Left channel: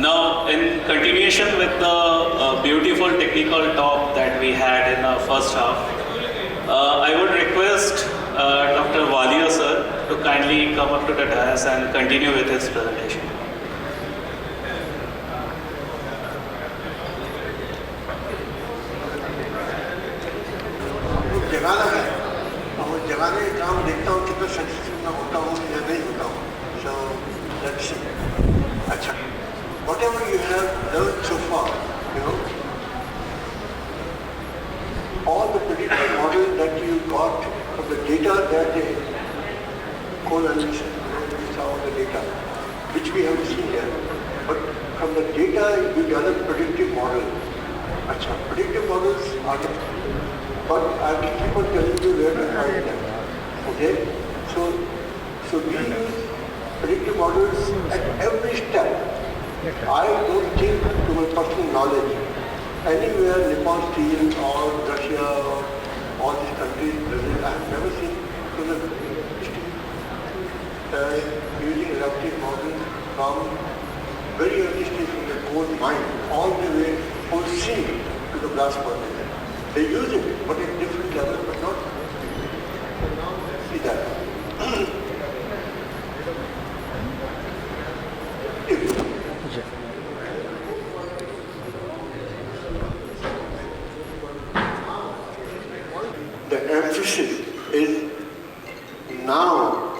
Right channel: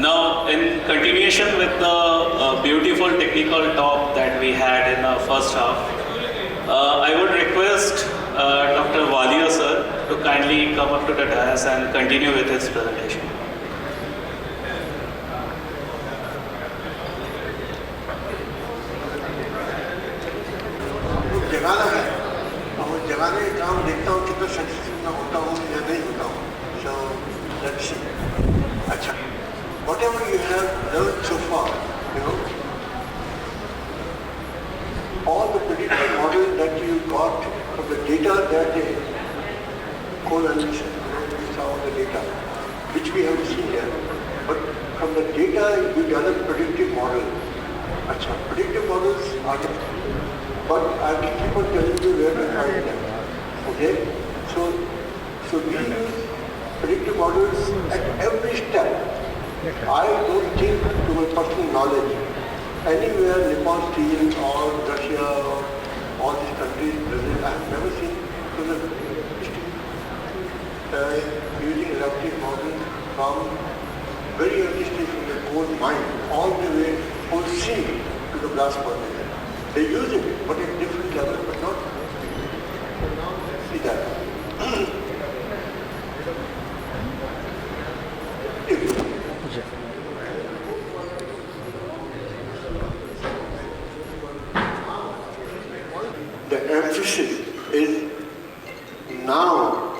Now, in continuation with the beautiful technical talk that we had in the first half, I would request Dr. Walia sir to kindly come up to the dais and continue with his presentation. जगाना है और जगाने का काम देखता हूँ कितना successful मैं होता हूँ या नहीं होता हूँ. So let's see. अच्छा, whatever you have learned so far, you know, all the predictive models that you got from the data that they co-analysis all the data, which we have seen here, but from the data you develop predictive models. अच्छा, predictive models are the but I will keep on telling you where to find them. Okay? So we use predictive models at every step. I don't think, to my personal knowledge, anywhere Nippon Steel or Russia or all these countries, Brazil, I have never seen using adaptive models from very early stage from the coal mine all the way from sea to the blast furnace. They use it, but at different levels, but not see that. The emphasis is now,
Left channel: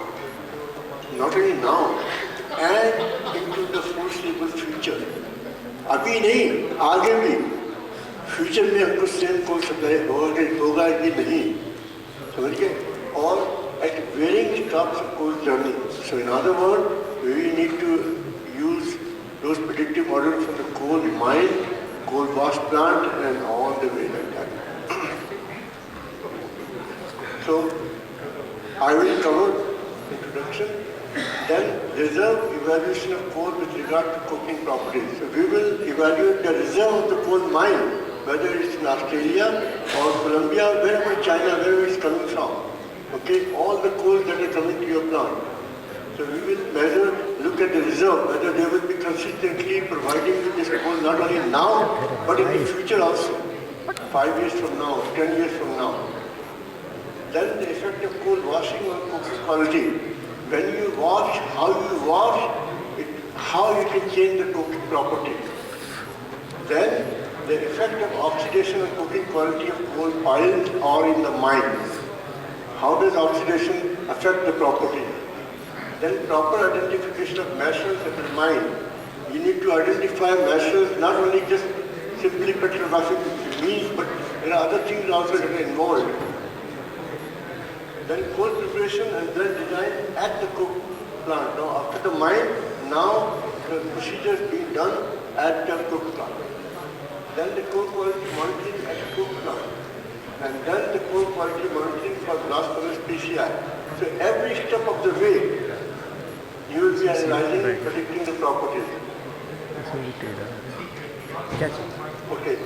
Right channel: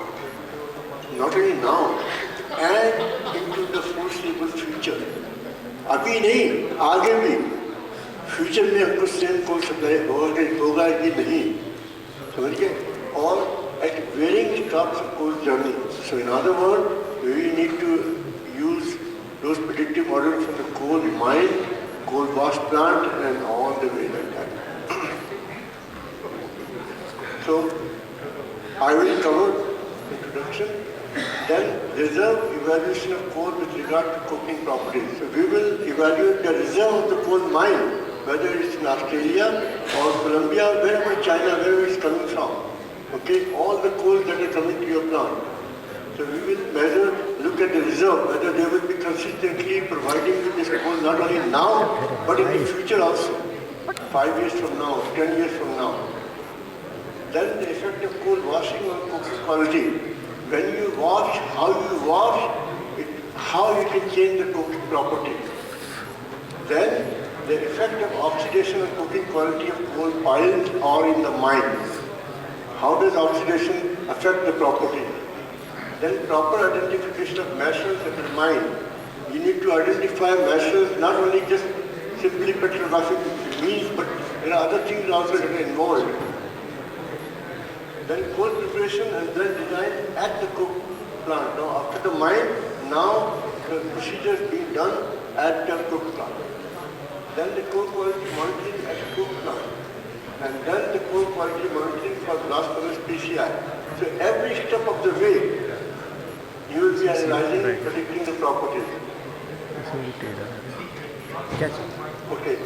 not only now, and into the foreseeable future. अभी नहीं, आगे भी. Future में हमको same coal supply होगा कि नहीं, समझ गए, और at varying stops of coal journey. So in other word we need to use those predictive model for the coal mine, coal wash plant and all the way like that. So I will cover introduction, then reserve evaluation of coal with regard to coking properties. So we will evaluate the reserve of the coal mine, whether it's in Australia or Colombia, wherever China, wherever it's coming from. Okay, all the coal that are coming to your plant. So we will measure, look at the reserve, whether they will be consistently providing with this coal not only now, but in the future also. 5 years from now, 10 years from now. Then the effect of coal washing on coking quality. When you wash, how you wash, how you can change the coking property. Then the effect of oxidation and coking quality of coal piles or in the mines. How does oxidation affect the property? Then proper identification of measures at the mine. You need to identify measures, not only just simply petrographic means, but there are other things also that are involved. Then coal preparation and then design at the coke plant. Now after the mine, now the procedure is being done at the coke plant. Then the coal quality monitoring at the coke plant. And then the coal quality monitoring for blast furnace PCI. So every step of the way, you will be analyzing and predicting the properties. Okay.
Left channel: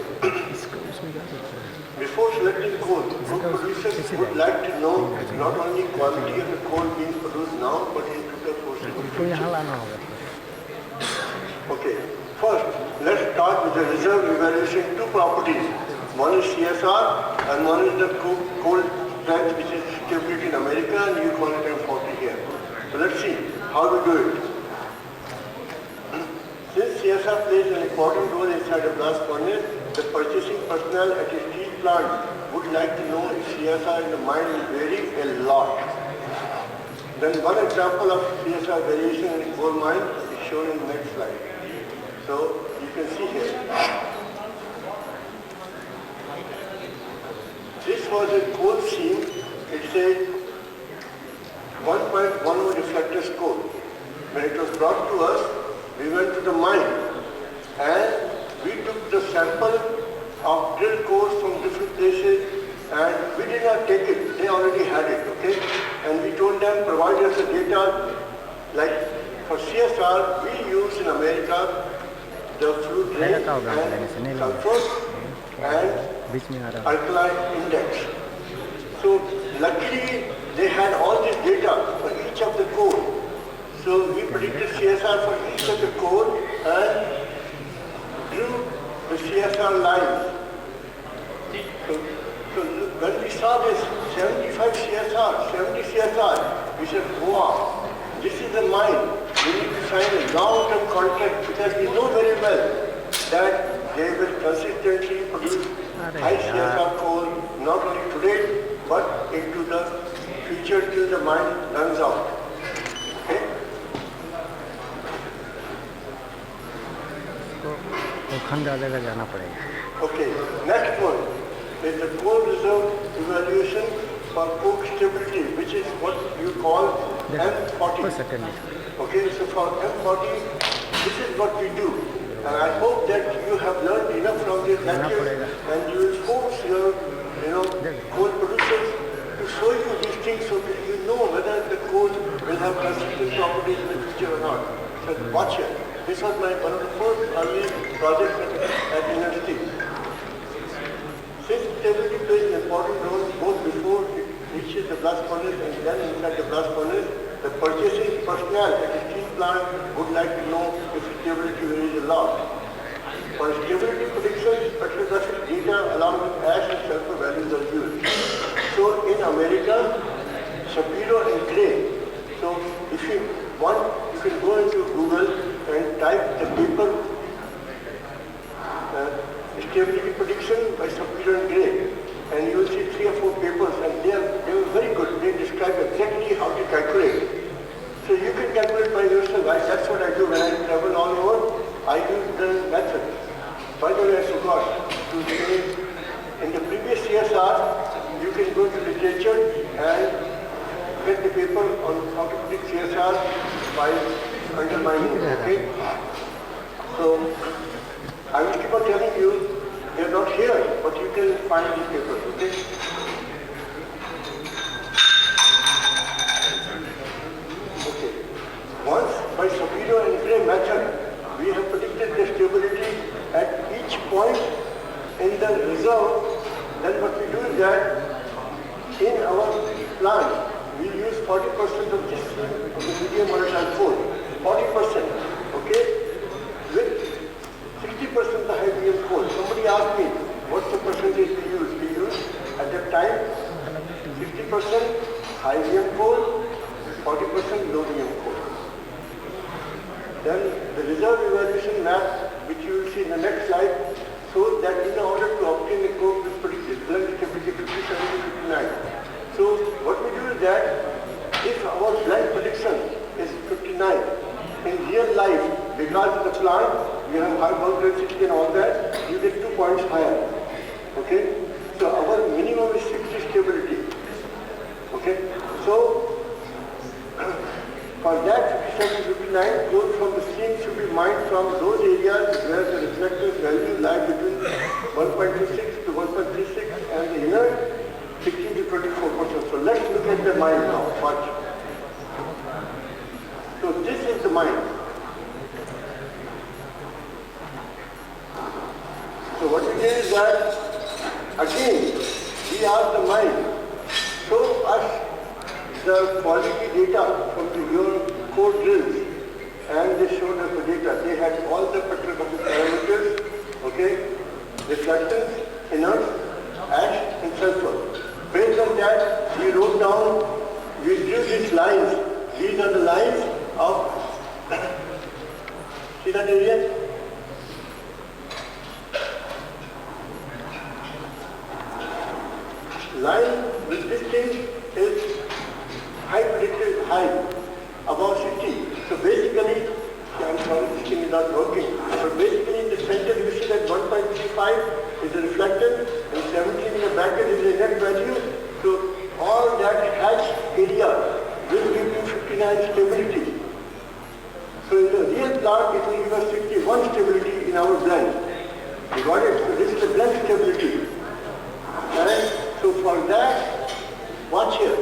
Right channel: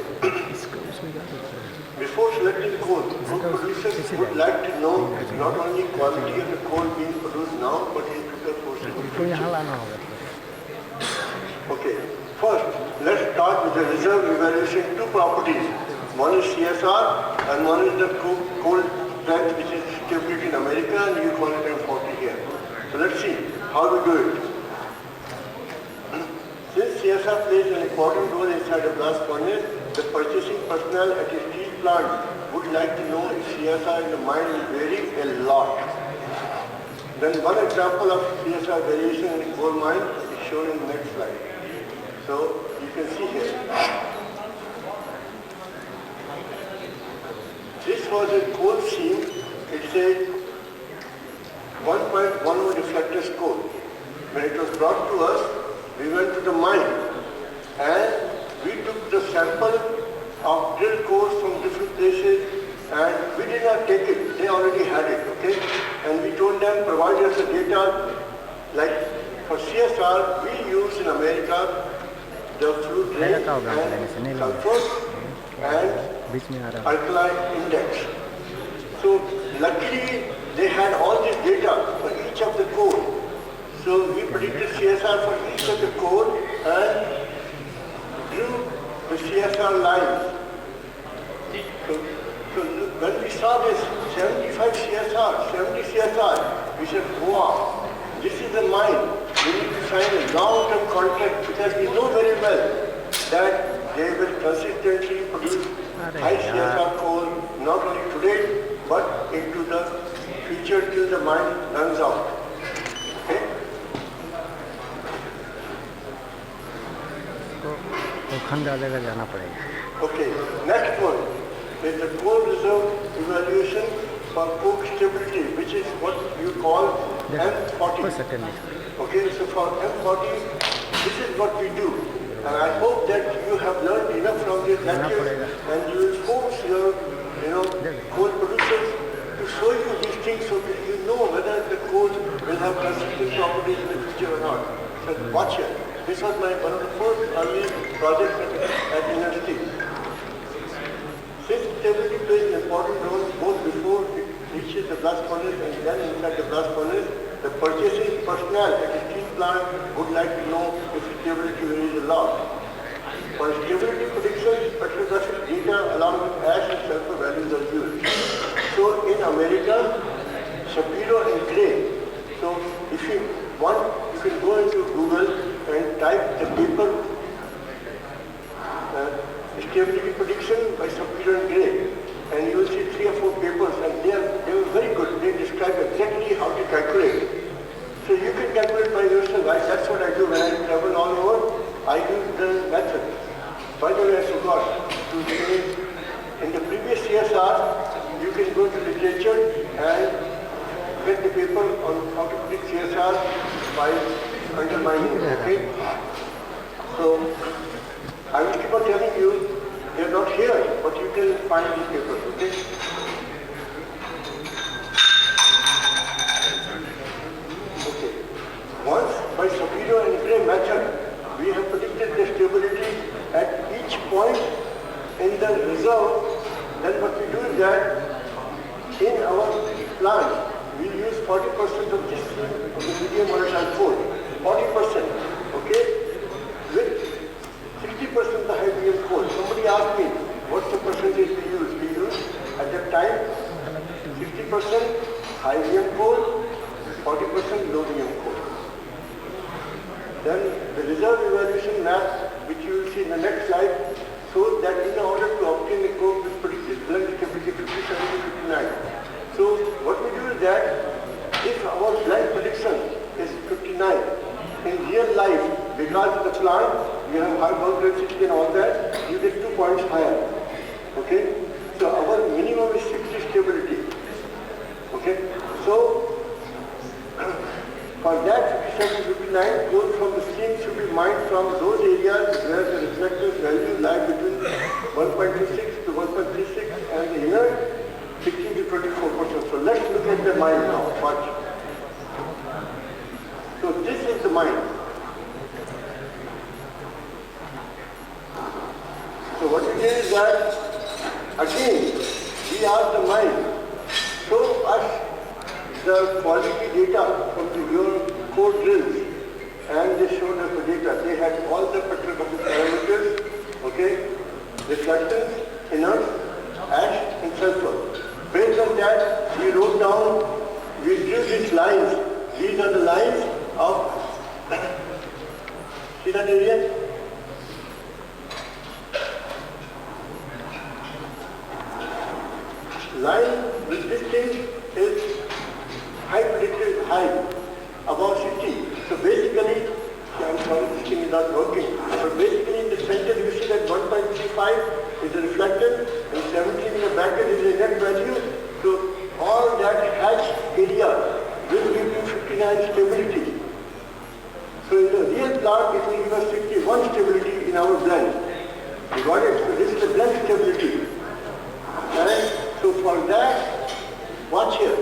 Before selecting coal, coal producers would like to know not only quality of the coal being produced now, but into the foreseeable future. Okay, first, let's start with the reserve evaluation. Two properties. One is CSR and one is the coal strength, which is stability in America, and you call it M40 here. So let's see how we do it. Since CSR plays an important role inside a blast furnace, the purchasing personnel at a steel plant would like to know if CSR in the mine is varying a lot. Then one example of CSR variation in coal mine is shown in the next slide. So you can see here. This was a coal seam. It says 1.10 reflector score. When it was brought to us, we went to the mine and we took the sample of drill cores from different places and we did not take it. They already had it, okay? And we told them, provide us the data. Like for CSR, we use in America the fluid range and sulfur and alkaline index. So luckily, they had all this data for each of the core. So we predicted CSR for each of the code and drew the CSR lines. So when we saw this 75 CSR, 70 CSR, we said, wow, this is the mind. We need to sign a long-term contract because we know very well that they will consistently produce high CSR coal, not only today, but into the future till the mine runs out. Okay? Okay, next one is the coal reserve evaluation for coke stability, which is what you call M40. Okay, so for M40, this is what we do. And I hope that you have learned enough from this lecture and you will force your coal producers to show you these things so that you know whether the coal will have consistent properties in the future or not. So watch it. This was one of the first early projects at university. Since stability plays an important role both before it reaches the blast furnace and then inside the blast furnace, the purchasing personnel at the steel plant would like to know if stability varies a lot. For stability prediction, spectrographic data along with ash and sulfur values are used. So in America, Shapiro and Gray. So if you want, you can go into Google and type the paper stability prediction by Shapiro and Gray, and you will see 3 or 4 papers, and they were very good. They describe exactly how to calculate. So you can calculate by yourself. That's what I do when I travel all over. I do the method. By the way, I forgot to say, in the previous CSR, you can go to literature and get the paper on how to predict CSR by undermining it, okay? So, I will keep on telling you, they are not here, but you can find these papers, okay? Okay. Once, by Shapiro and Gray method, we have predicted the stability at each point in the reserve. Then what we do is that in our plant, we use 40% of this of the medium volatile coal. 40%, okay? With 60% the high VM coal. Somebody asked me, what's the percentage we use? We use, at that time, 60% high VM coal, 40% low VM coal. Then the reserve evaluation map, which you will see in the next slide, shows that in order to obtain a coke, we predicted blend stability 57 to 59. So what we do is that if our blend prediction is 59, in real life, because of the plant, we have high bulk density and all that, you get 2 points higher. Okay? So our minimum is 60 stability. Okay? So for that 57 to 59, coal from the stream should be mined from those areas where the reflectors value lie between 1.26 to 1.36 and the inner 16 to 24%. So let's look at the mine now. Watch. So this is the mine. So what we did is that, again, we asked the mine, show us the quality data from your core drills, and they showed us the data. They had all the petrographic parameters, okay, reflectance, inerts, ash, and sulfur. Based on that, we wrote down, we drew these lines. These are the lines of, see that area? Line with this thing is high predicted high, about 60. So basically, I'm sorry, this thing is not working. But basically, in the center, you see that 1.35 is the reflectance, and 17 in the bracket is the net value. So all that hatch area will give you 59 stability. So in the real plant, it will give us 61 stability in our blend. You got it? So this is the blend stability. And so for that, watch here.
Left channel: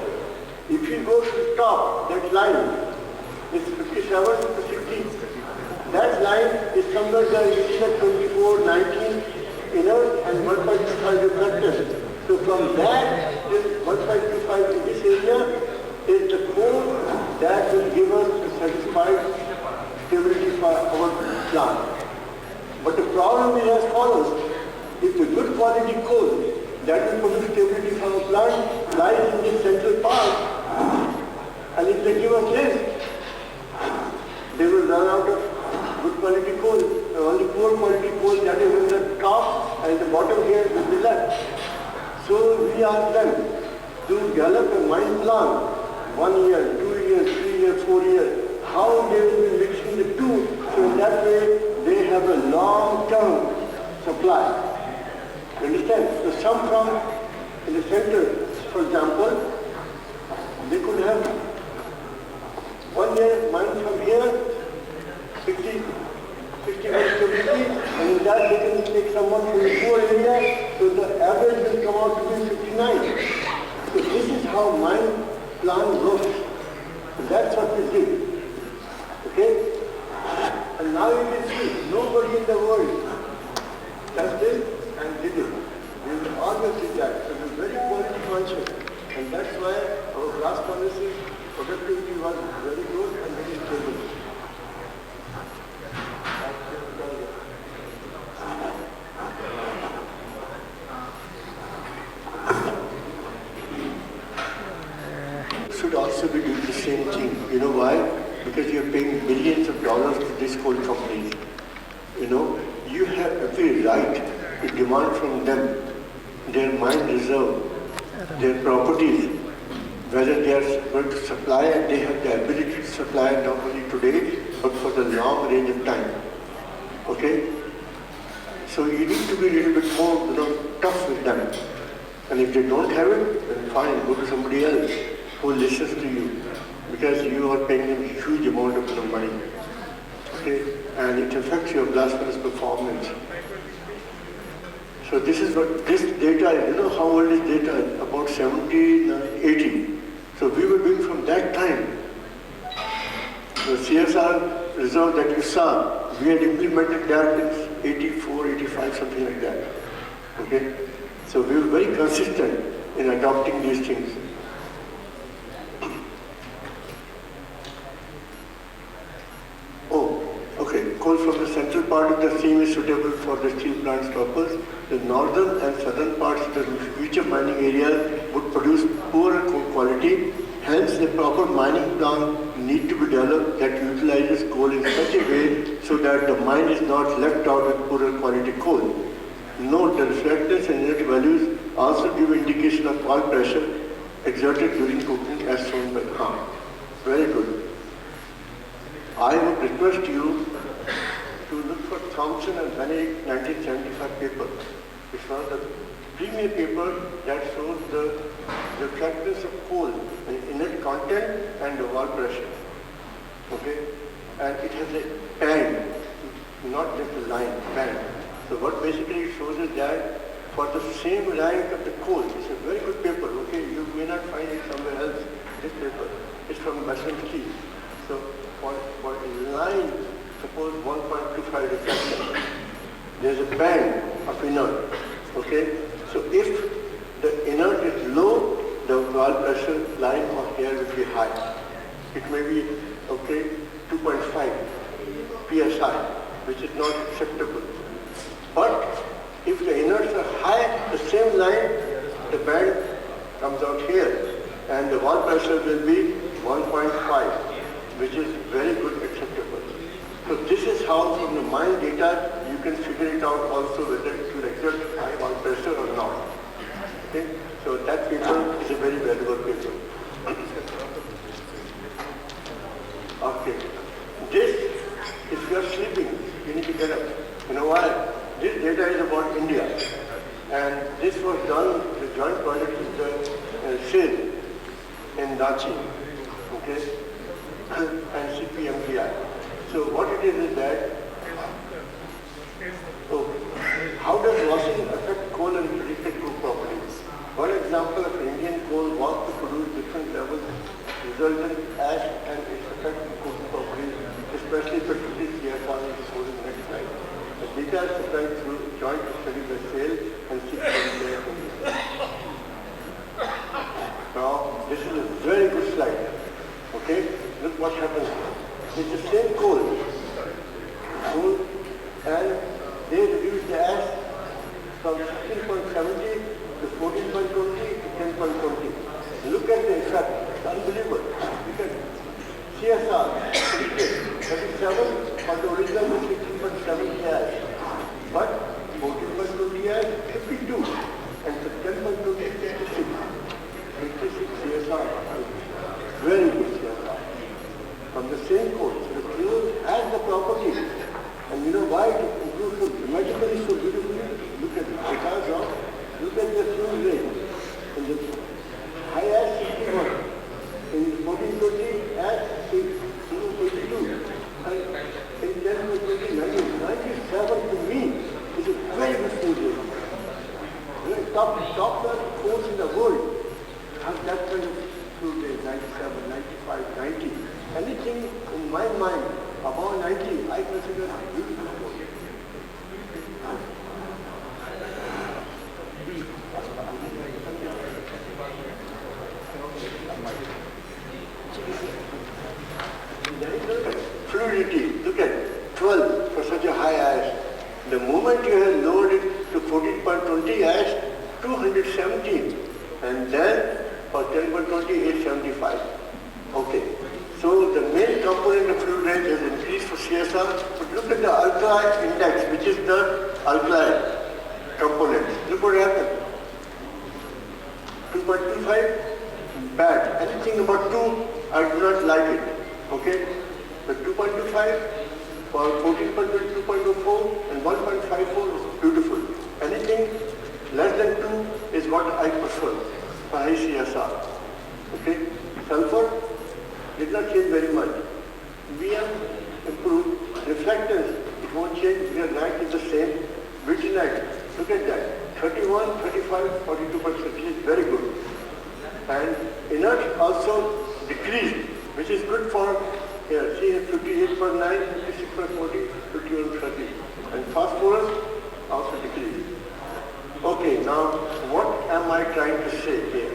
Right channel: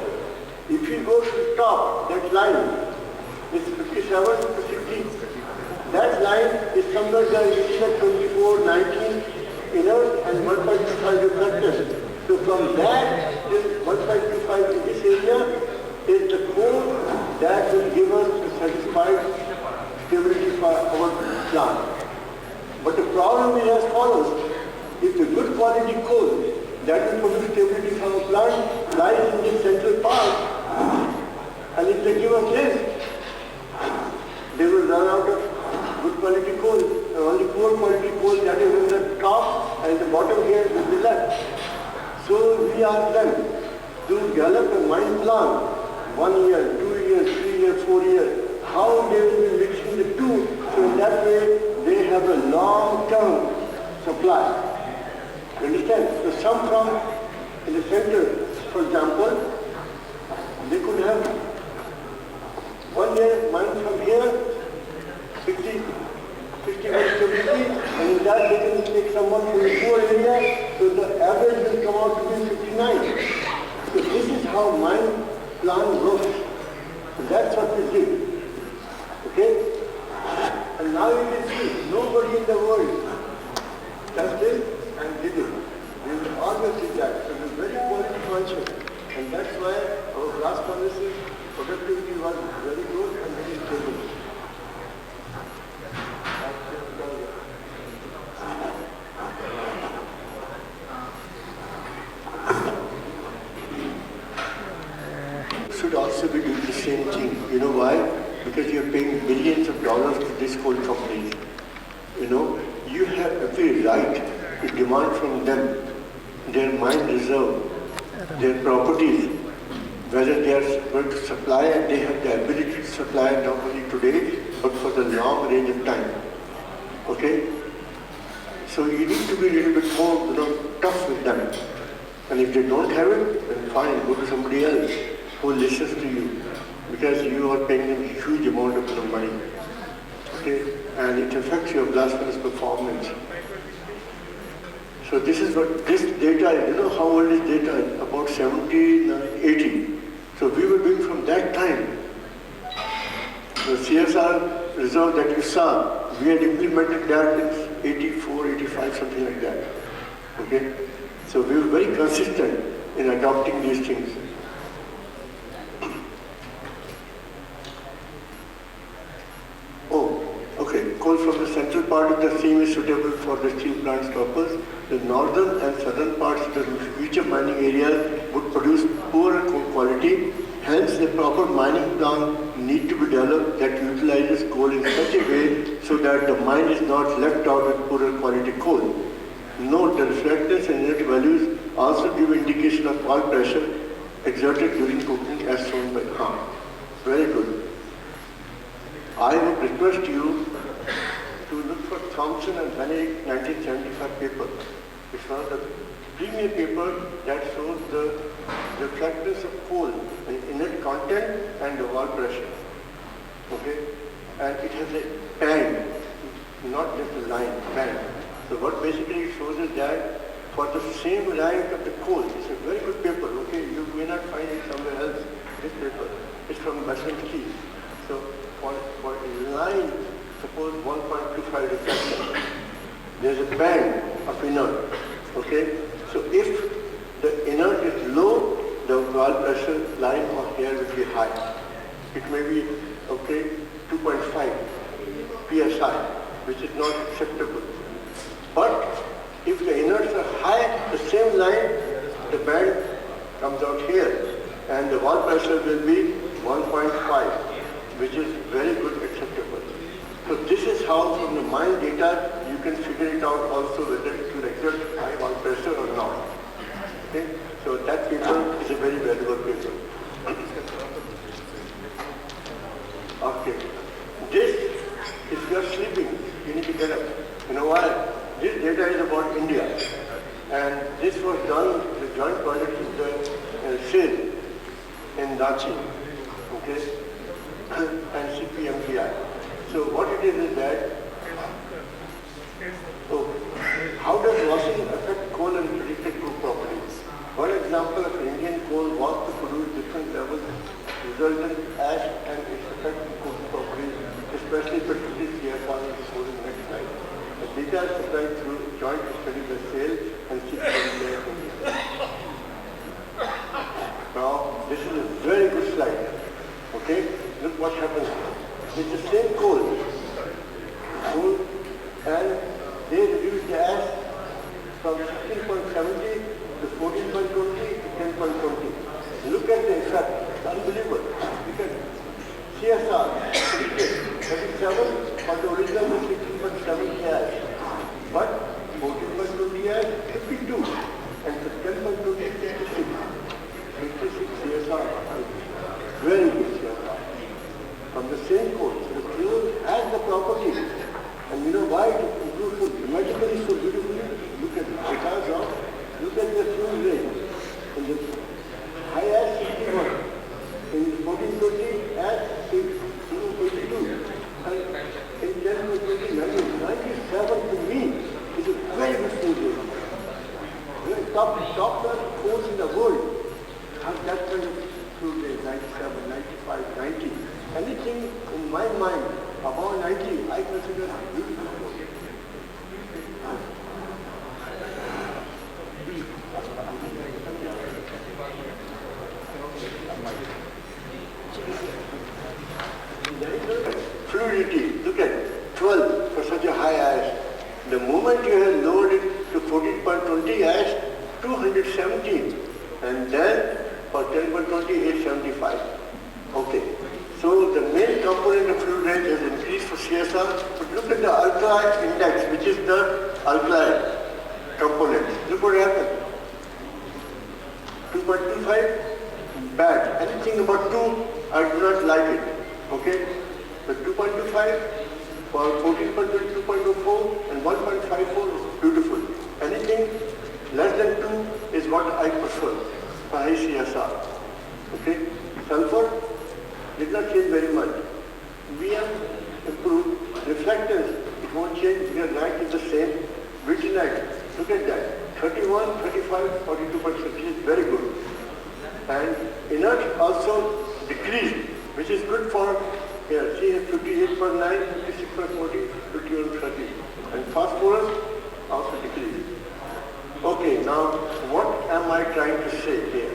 If you go to the top, that line is 57 to 60. That line is somewhere there, you see that 24, 19 inert and 1.25 reflectors. So from that till 1.25 in this area is the code that will give us the provide stability for our plant. But the problem is as follows. If the good quality coal that will produce stability for our plant lies in the central part, and if they give us this, they will run out of good quality coal. And only poor quality coal that is in the top and the bottom here will be left. So we ask them to develop a mine plan, 1 year, 2 years, 3 years, 4 years, how they will be mixing the two, so in that way they have a long-term supply. You understand? So some from in the center, for example, they could have 1 year mine from here, 60 stability, and in that they can take someone from the poor area, so the average will come out to be 59. So this is how mine plan works. So that's what we did. Okay? And now you can see, nobody in the world does this and did it. We will always do that. So we're very quality conscious. And that's why our blast furnaces productivity was very good and very stable. Should also be doing the same thing. You know why? Because you're paying millions of dollars to these coal companies. You know, you have every right to demand from them their mine reserve, their properties, whether they are going to supply, and they have the ability to supply not only today, but for the long range of time. Okay? So you need to be a little bit more, tough with them. And if they don't have it, then fine, go to somebody else who listens to you, because you are paying them a huge amount of money. Okay? And it affects your blast furnace performance. So this is what, this data, you know how old is data? About 70, 80. So we were doing from that time. The CSR reserve that you saw, we had implemented that in 84, 85, something like that. Okay? So we were very consistent in adopting these things. Oh, okay. Coal from the central part of the seam is suitable for the steel plant's purpose. The northern and southern parts of the future mining area would produce poorer coal quality. Hence, a proper mining plan need to be developed that utilizes coal in such a way so that the mine is not left out with poorer quality coal. Note the reflectance and unit values also give indication of oil pressure exerted during cooking as shown by Khan. Very good. I would request you to look for Thompson and Benedict 1975 paper. It's one of the premier paper that shows the reflectance of coal in inert content and the wall pressure. Okay? And it has a band, not just a line, band. So what basically it shows is that for the same rank of the coal, it's a very good paper, okay? You may not find it somewhere else, this paper. It's from Western. So for a line, suppose 1.25 reflection, there's a band of inert, okay? So if the inert is low, the wall pressure line of here will be high. It may be, okay, 2.5 psi, which is not acceptable. But if the inerts are high, the same line, the band comes out here, and the wall pressure will be 1.5, which is very good acceptable. So this is how from the mine data you can figure it out also whether it will exert high wall pressure or not. Okay? So that paper is a very valuable paper. Okay. This, if you are sleeping, you need to get up. You know why? This data is about India. And this was done, the joint project with the SID in Ranchi, okay, and CPMDI. So what it is that, so how does washing affect coal and predicted coal properties? One example of Indian coal was to produce different levels resultant ash and its effect on coal properties, especially particularly CSR and coal in the next slide. The data is supplied through joint study by SAIL and CPMDI. Now, this is a very good slide. Okay? Look what happens. It's the same coal. And they reduced the ash from 16.70 to 14.20 to 10.20. Look at the effect. It's unbelievable. Look at CSR, 37 for the original was 16.70 ash. But 14.20 ash, 52. And 10.20 is 56. 56 CSR. Very good CSR. From the same course. So the fuel has the properties. And you know why it improves so dramatically, so beautifully? Look at it. Because of, look at the fuel rate. In the high ash 61. In 1420 ash 22. And in 1020, 97 to me is a very good fuel rate. Top class coals in the world have that kind of fuel rate, 97, 95, 90. Anything in my mind above 90, I consider beautiful. Fluidity, look at 12 for such a high ash. The moment you have lowered it to 14.20 ash, 217. And then for 10.20, 875. Okay. So the main component of fluid rate has increased for CSR. But look at the alkali index, which is the alkali component. Look what happened. 2.25, bad. Anything about 2, I do not like it. Okay? So 2.25 for 14.20, 2.04 and 1.54 beautiful. Anything less than 2 is what I prefer for high CSR. Okay? Sulfur did not change very much. We have improved reflectance. It won't change because rank is the same. Vitinite, look at that. 31, 35, 42%, which is very good. And inert also decreased, which is good for here. See 58.9, 56.40, 51.30. And phosphorus also decreased. Okay, now what am I trying to say here?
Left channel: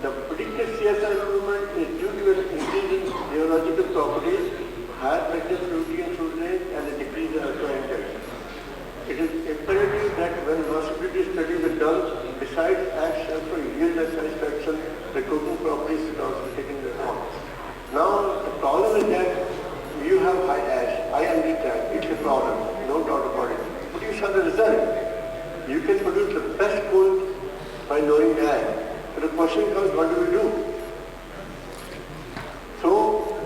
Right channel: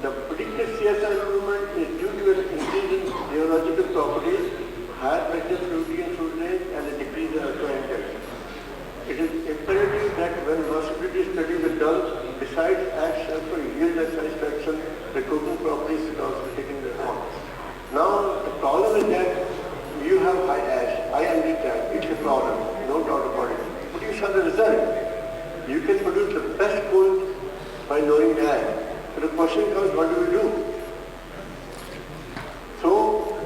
The predicted CSR improvement is due to an increase in geological properties, higher pressure fluidity and fluid rate, and a decrease in alkali index. It is imperative that when possibility studies are done, besides ash sulfur yield and satisfaction, the coating properties should also take into account. Now, the problem is that you have high ash. I understand. It's a problem. No doubt about it. But you saw the result. You can produce the best coal by lowering ash. So the question comes, what do we do? So,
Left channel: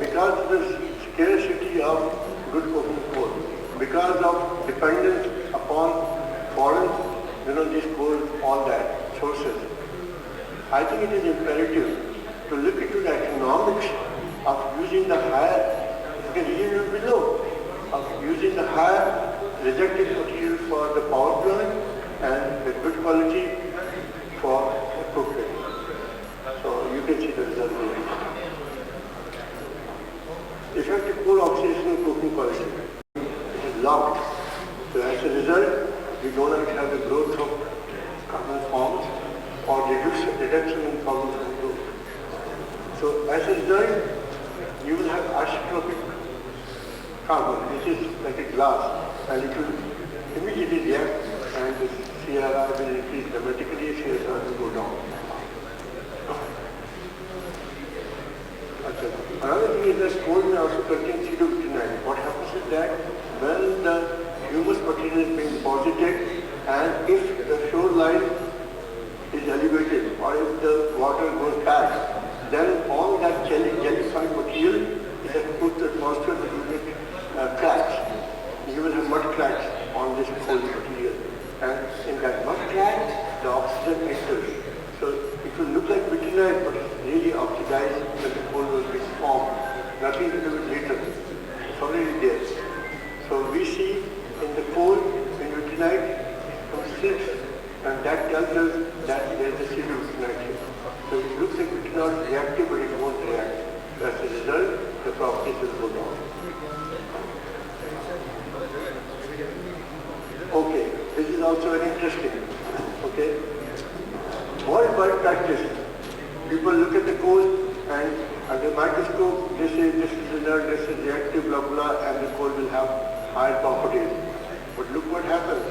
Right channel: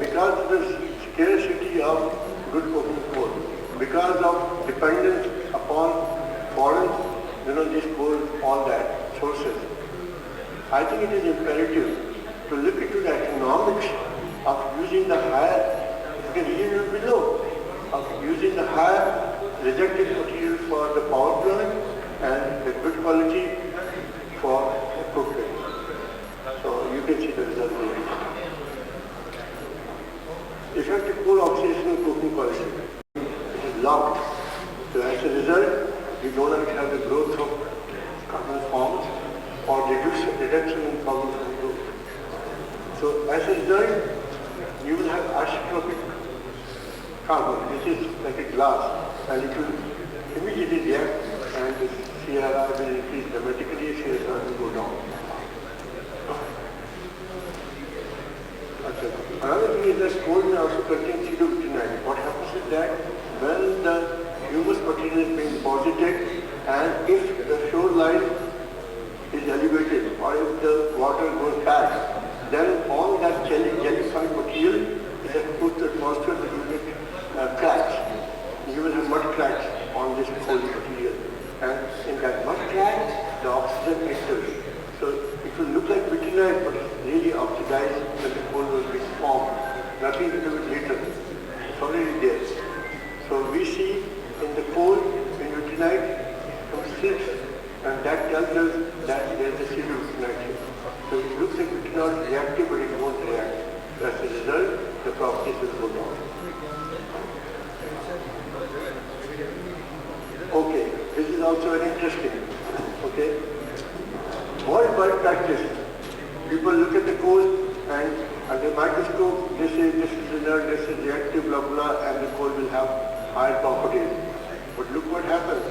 because of the scarcity of good coking coal, because of dependence upon foreign, these coal, all that, sources, I think it is imperative to look into the economics of using the higher, because you will be low, of using the higher rejected material for the power plant and the good quality for cooking. So you can see the result here. Effective coal oxidation and coking quality. It is locked. So as a result, you do not have the growth of carbon forms or reduction in forms of growth. So as a result, you will have isotropic carbon, which is like a glass, and it will immediately react and the CRR will increase dramatically, CSR will go down. Another thing is that coal may also contain pseudobutanate. What happens is that when the humus material is being deposited and if the shoreline is elevated or if the water goes back, then all that jellified material is exposed to the atmosphere to make cracks. You will have mud cracks on this coal material. And in that mud crack, the oxygen enters. So it will look like vitinite, but it's really oxidized when the coal will be formed. Nothing to do with later. It's already there. So we see in the coal, in vitinite, slips, and that tells us that there is a pseudobutanate here. So it looks like it's not reactive, but it won't react. As a result, the properties will go down. Okay, this is also very interesting. Okay, worldwide practice. People look at the the microscope, they say this is inert, this is reactive, blah, blah, and the coal will have higher properties. But look what happens.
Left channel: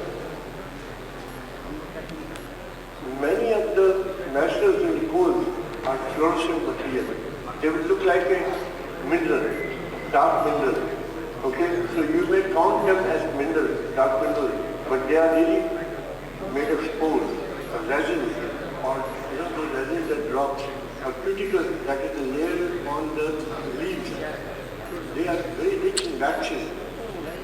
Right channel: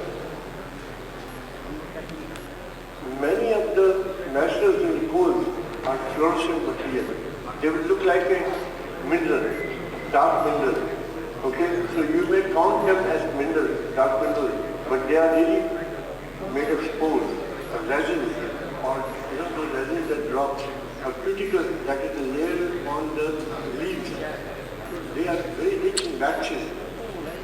Many of the naturals in the coal are fluorescent material. They would look like a mineral, dark mineral. Okay, so you may count them as mineral, dark mineral, but they are really made of spores, or resins, or those resins that drops, or cuticles, that is the layer on the leaves. They are very rich in waxes,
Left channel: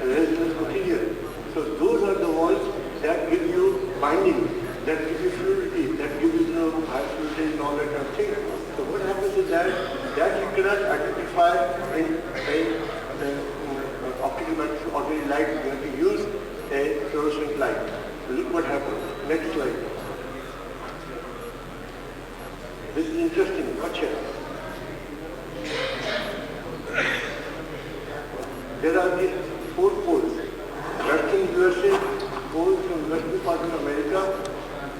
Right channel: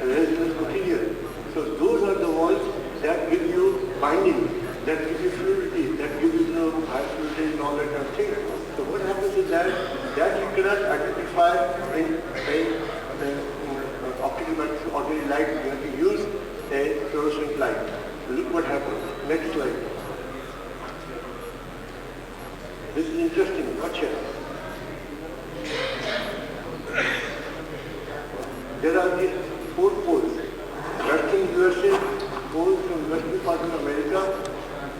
resinous material. So those are the ones that give you binding, that give you fluidity, that give you high fluidity and all that kind of thing. So what happens is that you cannot identify in optical microscope, ordinary light. You have to use a fluorescent light. Look what happens. Next slide. This is interesting. Watch here. There are these 4 poles. Western USA, poles from western part of America.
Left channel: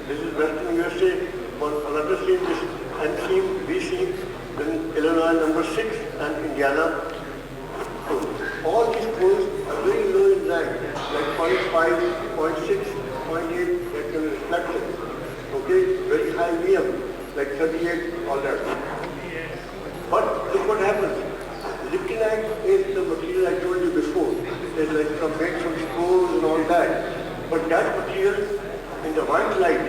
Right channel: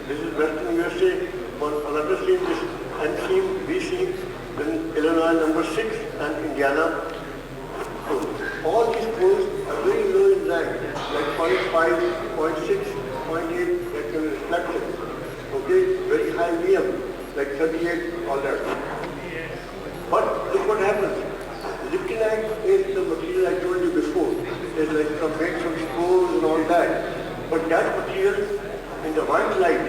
This is Western USA. On another seam, this N seam, B seam, then Illinois number 6, and Indiana. So all these poles are very low in rank, like 0.5, 0.6, 0.8, that kind of reflection. Okay, very high VM, like 38, all that. But look what happens. Lignite is the material I told you before. It's like made from spores and all that. But that material in the white light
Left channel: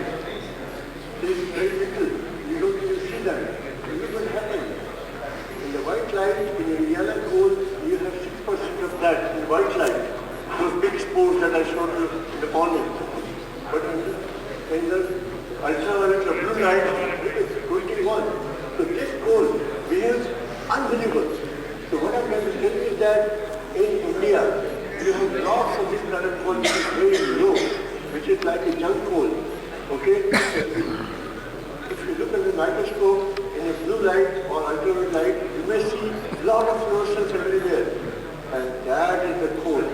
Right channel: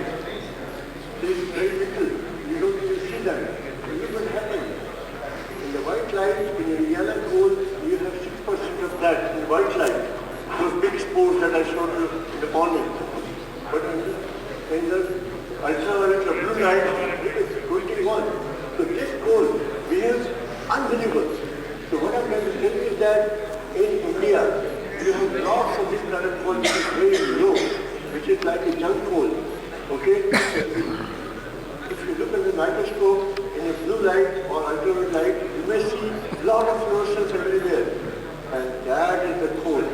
is very little. You don't even see that. Look what happens. In the white light, in the yellow coal, you have 6% of that in white light. Those big spores that I showed you in the morning. But in the ultraviolet, the blue light, it is 21. So this coal behaves unbelievable. So what I'm trying to tell you is that in India, you have lots of this kind of coal which is very low, which is like a junk coal. Okay? If you look at the microscope in a blue light or ultraviolet light, you may see a lot of fluorescence everywhere. And that is the coal.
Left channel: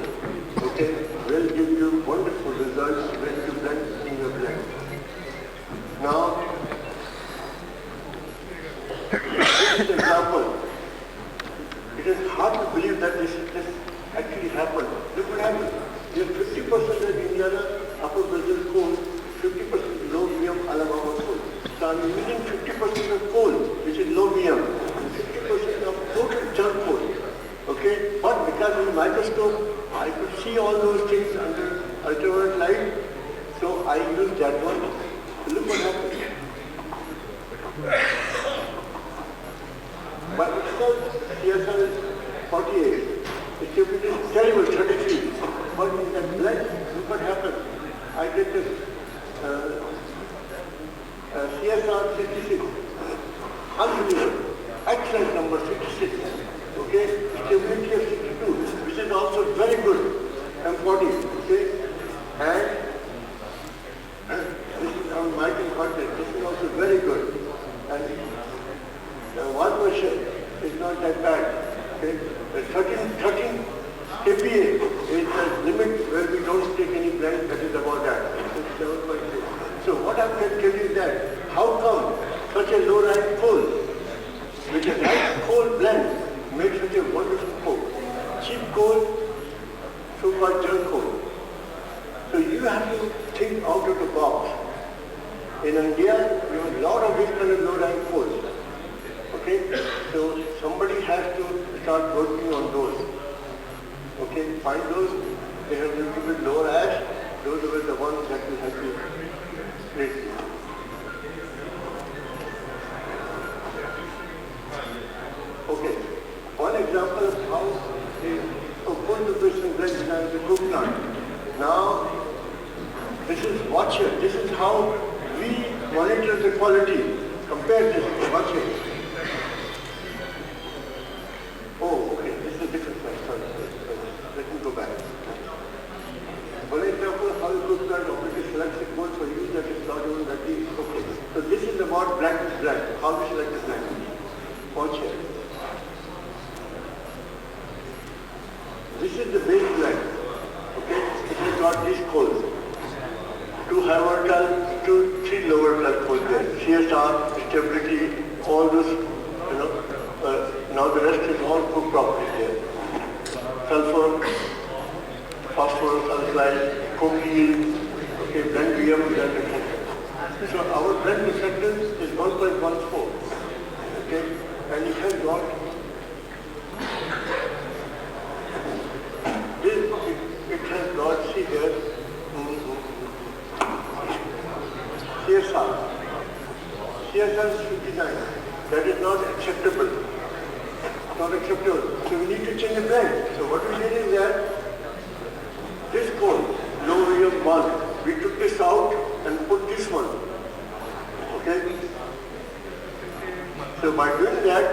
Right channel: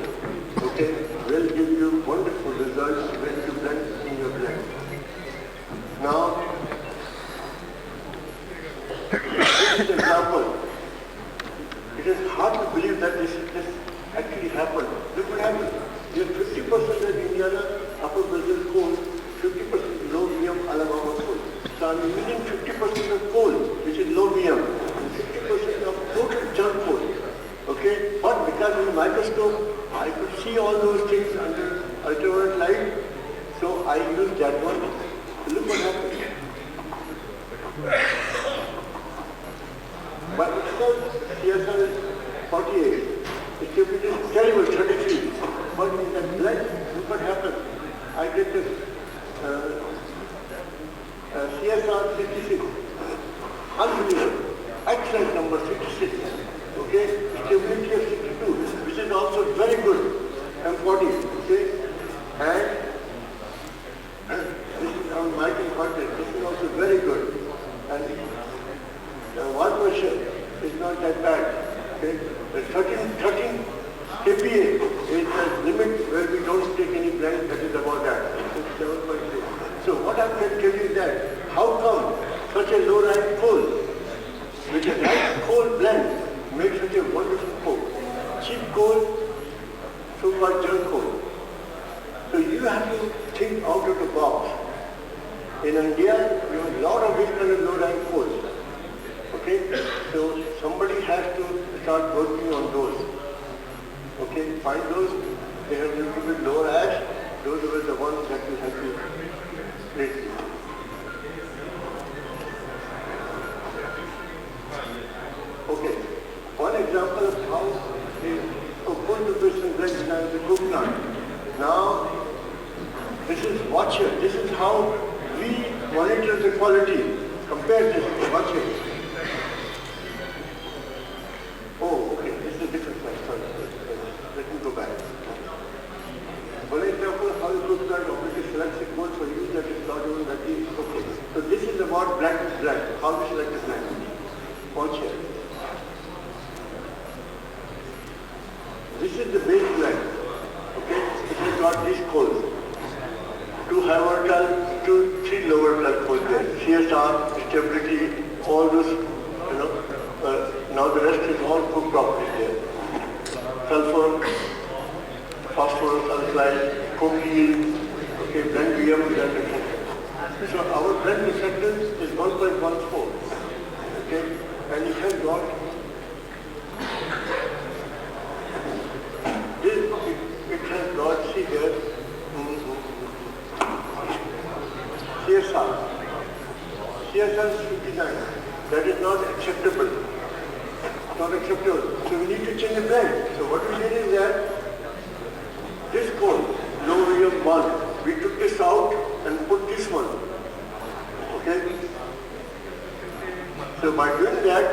Okay? Will give you wonderful results when you blend in your blend. Now, this is an example. It is hard to believe that this actually happened. Look what happened. You have 50% of Indiana, Upper Brazil coal, 50% low VM Alabama coal. So I'm using 50% of coal, which is low VM, and 50% of total junk coal. Okay? But because in the microscope, I could see all those things under ultraviolet light, so I used that one. Look what happened. But itself, CSR is 48. It's a terrible, 33. But in that blend, look what happened. I get the CSR 56. Unbelievable. Excellent number, 56. Okay? Stability of 62, which is also very good. M40. Okay? And this is on Michael content. This is also very good. And 1% is not that bad. Okay? The 13 KPA is the limit where we don't take any blend that is about that. It's 7.6. So what I'm going to tell you is that how come such a low rank coal with a right coal blend makes such a wonderful coal? Cheap coal, so-called junk coal. So you have to think out of the box. In India, you have a lot of this kind of low rank coals. Okay? So somebody has to start working on those. Okay? Find those. They have a little bit lower ash. Those are the ones that we have to place. Okay. One example of how the coal preparation blend becomes the coke plant. Now, this is watch here. This is how we monitor the quality. Compare this. Watch here. Oh, okay. This is a different slide. Sorry. Let me go back. For example, how you cook plant operator selects the coal for use that is not even that is okay. So this is about black is black. How we select the black. Watch here. This is the base blend. Okay? It has got these coals. 2 high volatile, 3 low volatile coals there. CSR, stability, all those, the rest is all coke properties there. Sulfur, phosphorus, alkali, coke yield, okay, blend VM with that reflection. So our blend reflectance is 1.14, okay, and it has got this, it has got, see here, CSR. CSR is 59. That is not acceptable. Not acceptable. So we need to change the blend. So what we did is that this coal, low volume 1, we took this out and put this one. Okay? So by doing that,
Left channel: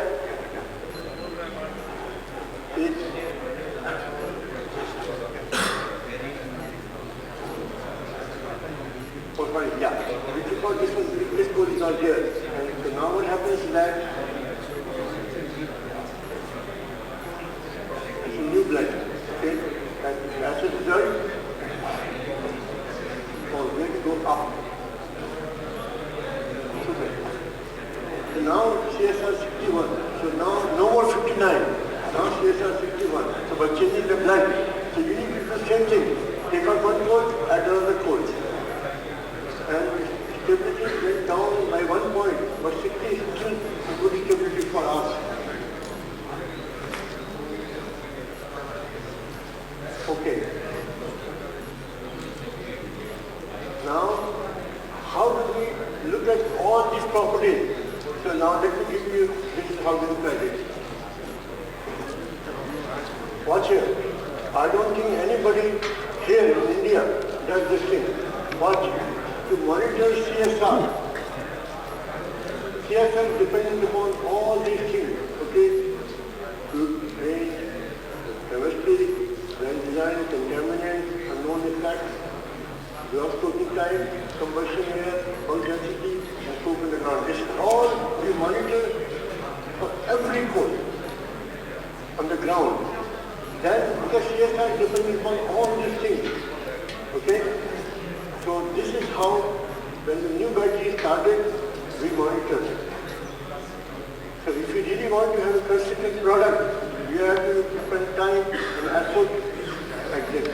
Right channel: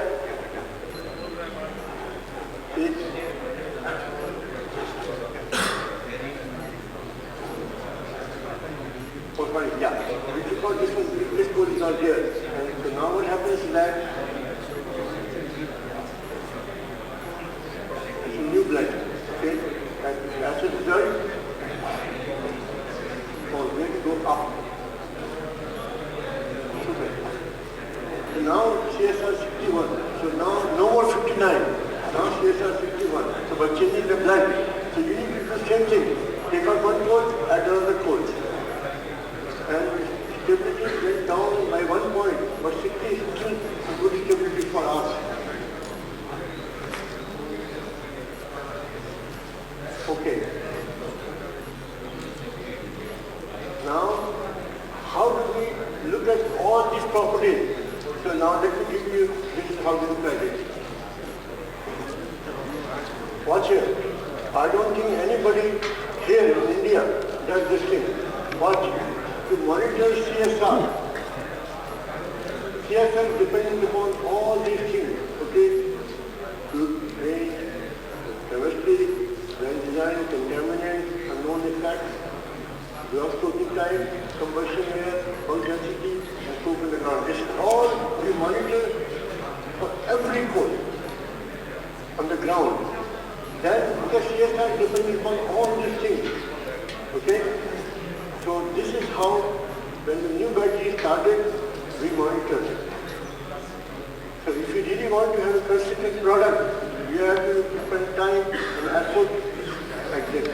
it yeah, we took out this one, this coal is not here. And so now what happens is that it's a new blend. Okay? And as a result, we're going to go up. So now CSR 61. So now no more 59. Now CSR 61. So by changing the blend, so you need to do the same thing. Take out one coal, add another coal. And stability went down by 1 point, but 60 is still good stability for us. Okay. Now, how do we look at all these properties? So now let me give you, this is how we look at it. Watch here. I don't think anybody here in India does this thing. Watch. To monitor CSR. CSR depends upon all these things. Okay? Good range, chemistry, well design, contaminants, unknown effects, gross cooking time, combustion air, oil density, and so on and on. This is all we monitor for every coal on the ground. Then the CSR depends upon all these things. Okay? So this is how, when the new battery started, we monitored it. So if we really want to have a consistent product, we have to spend time and effort like this.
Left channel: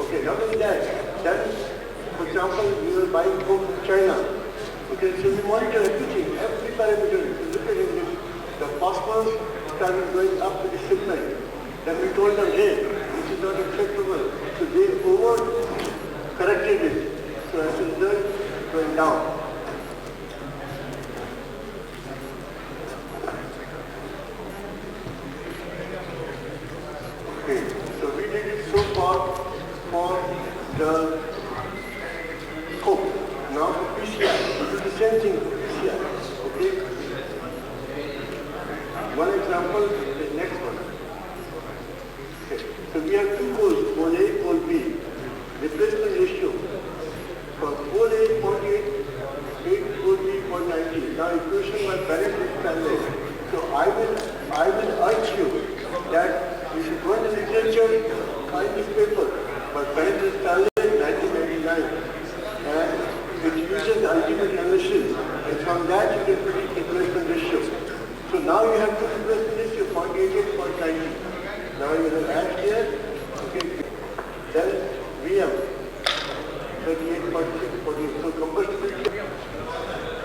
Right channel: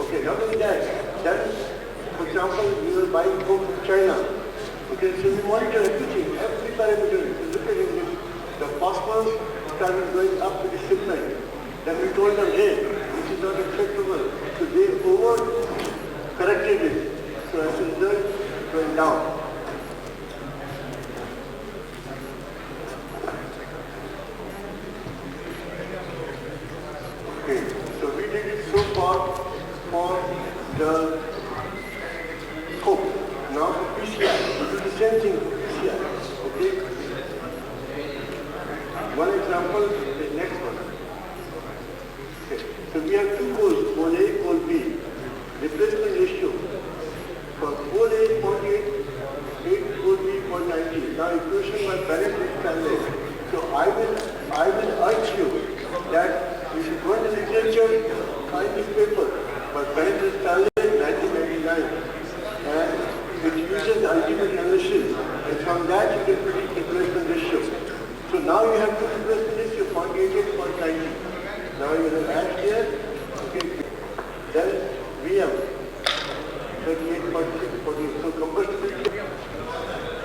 Okay, not only that, then, for example, we were buying coke from China. Okay, so we monitor everything, every parameter. You look at it, the phosphorus started going up with the shipment. Then we told them, hey, this is not acceptable. So they over-corrected it. So as a result, it went down. Okay, so we did it so far for the coke. Now for PCI, we do the same thing for PCI. Okay? One example is next one. So we have two coals, coal A, coal B. Replacement ratio for coal A 0.8, 8 coal B 0.90. Now equation by Bennett and Stanley. So I will urge you that you should go in the literature, find this paper by Bennett and Stanley 1999, and it uses the ultimate analysis, and from that you can predict replacement ratio. So now you have two replacement ratio 0.88, 0.90. Now you have add here, okay, then VM, 38.6, so combustibility.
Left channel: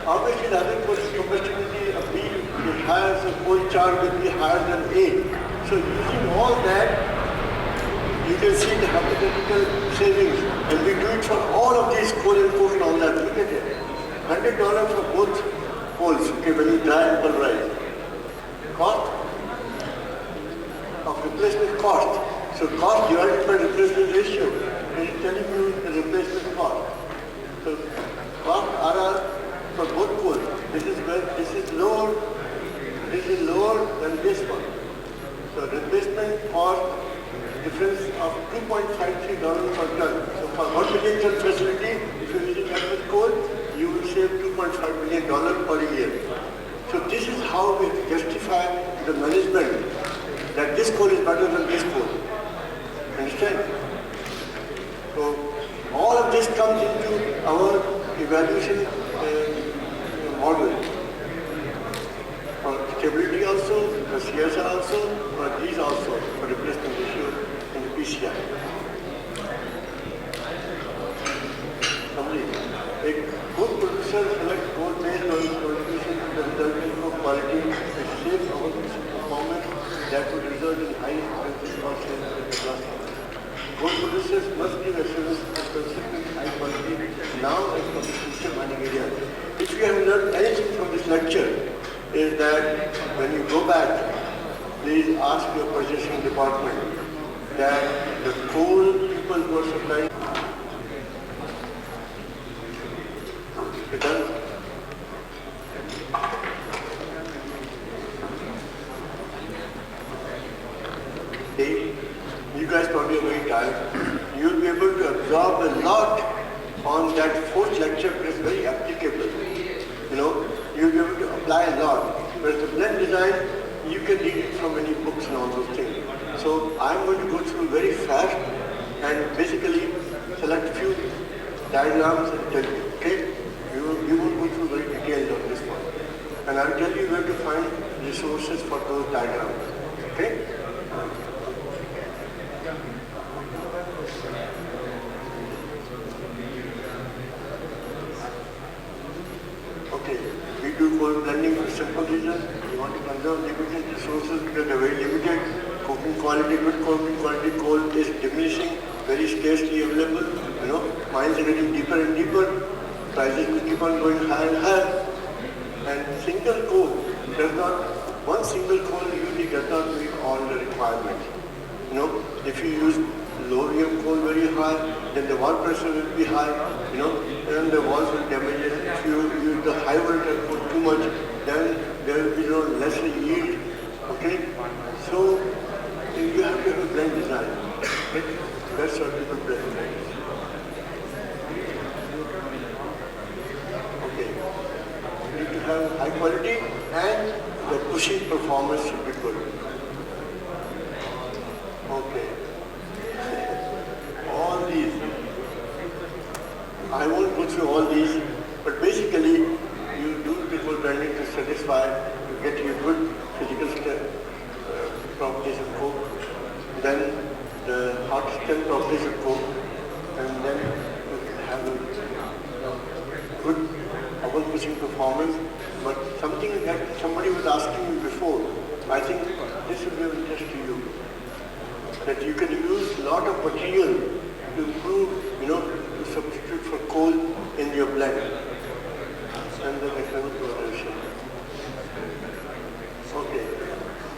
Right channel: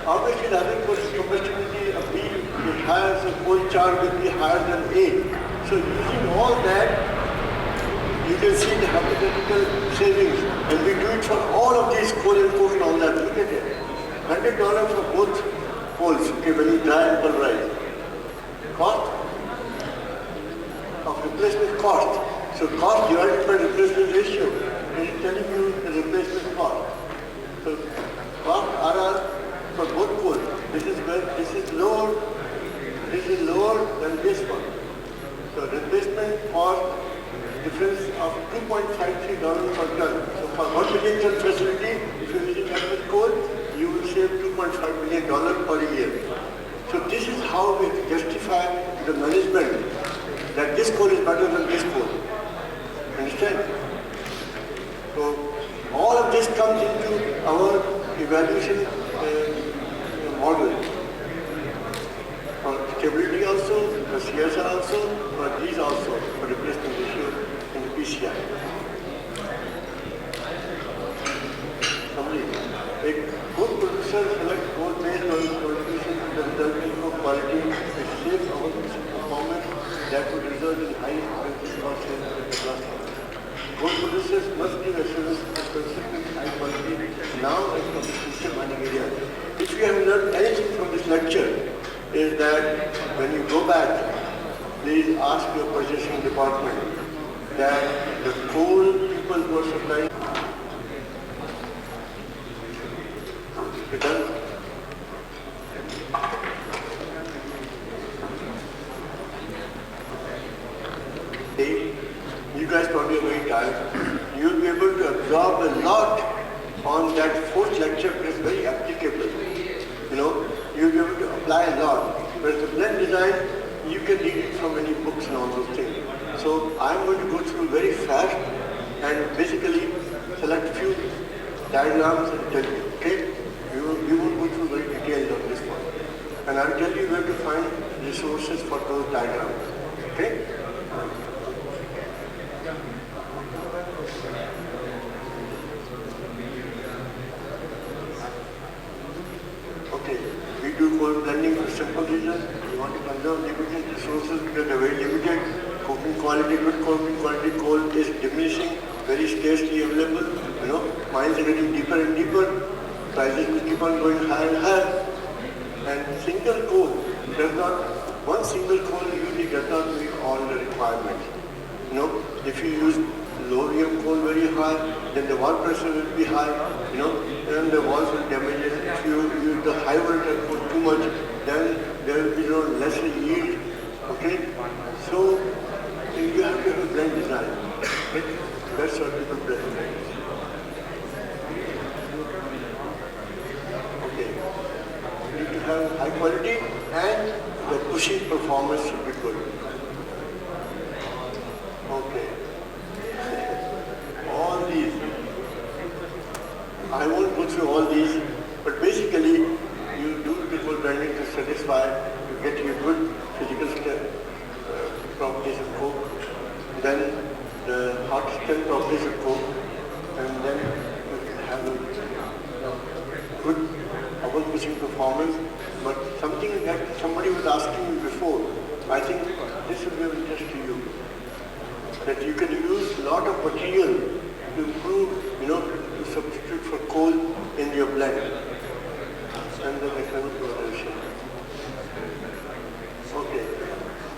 Obviously the other course combustibility of B is higher, so coal char will be higher than A. So using all that, you can see the hypothetical savings. And we do it for all of these coal and coke and all that. Look at it. $100 for both coals, okay, when you dry and pulverize. Cost of replacement cost. So cost divided by replacement ratio. It is telling you the replacement cost. So cost RR for both coals. This is lower than this one. So replacement cost difference of $2.53 per ton. So for 1 million ton facility, if you're using liquid coal, you will save $2.5 million per year. So this is how we justify the management that this coal is better than this coal. Understand? So all of this comes into our evaluation model. the CSR also, but these also for replacement ratio in the PCI. Somebody, a good producer selects coal based on contribution to the resulting for quality, a safe performance that would result in high cost sales and capacity. Good producers must give assurance of consistent high quality now and for the future mining areas. If you have learned anything from this lecture, is that when you go back, please ask your purchasing department that the coal people who are supplying. You done? You guys probably are very tired. You'll be able to absorb a lot on that fourth lecture, but it's very applicable. You know, you'll be able to apply a lot. Whereas the blend design, you can read it from any books and all those things. So I'm going to go through very fast and basically select a few diagrams and tell you, okay? We won't go through very detailed on this one. And I'll tell you where to find resources for those diagrams, okay? Okay, we do coal blending for simple reason. We want to conserve limited resources because they're very limited. Coking quality, good coking quality coal is diminishing, very scarcely available. You know, mines are getting deeper and deeper. Prices will keep on going higher and higher. And single coal does not, one single coal usually does not meet all the requirements. You know, if you use low-radium coal very high, then the wall pressure will be high, you know, then the walls will damage it. If you use the high voltage coal too much, then there will be no lesser yield, okay? So, you have to have a blend design. Okay? That's what people blend design. Okay. You need to have high quality and the pushing performance should be good. Okay. All these, I won't go through all these, but basically you do triple blending to satisfy, you get your good physical properties of coke, then the hot stem properties of coke, and then you have a good oven pushing performance. But something that somebody was asking me before, I think this will be of interest to you. That you can use a lot of material to improve, you know, to substitute for coal in your blend. And then economic evaluation. Okay.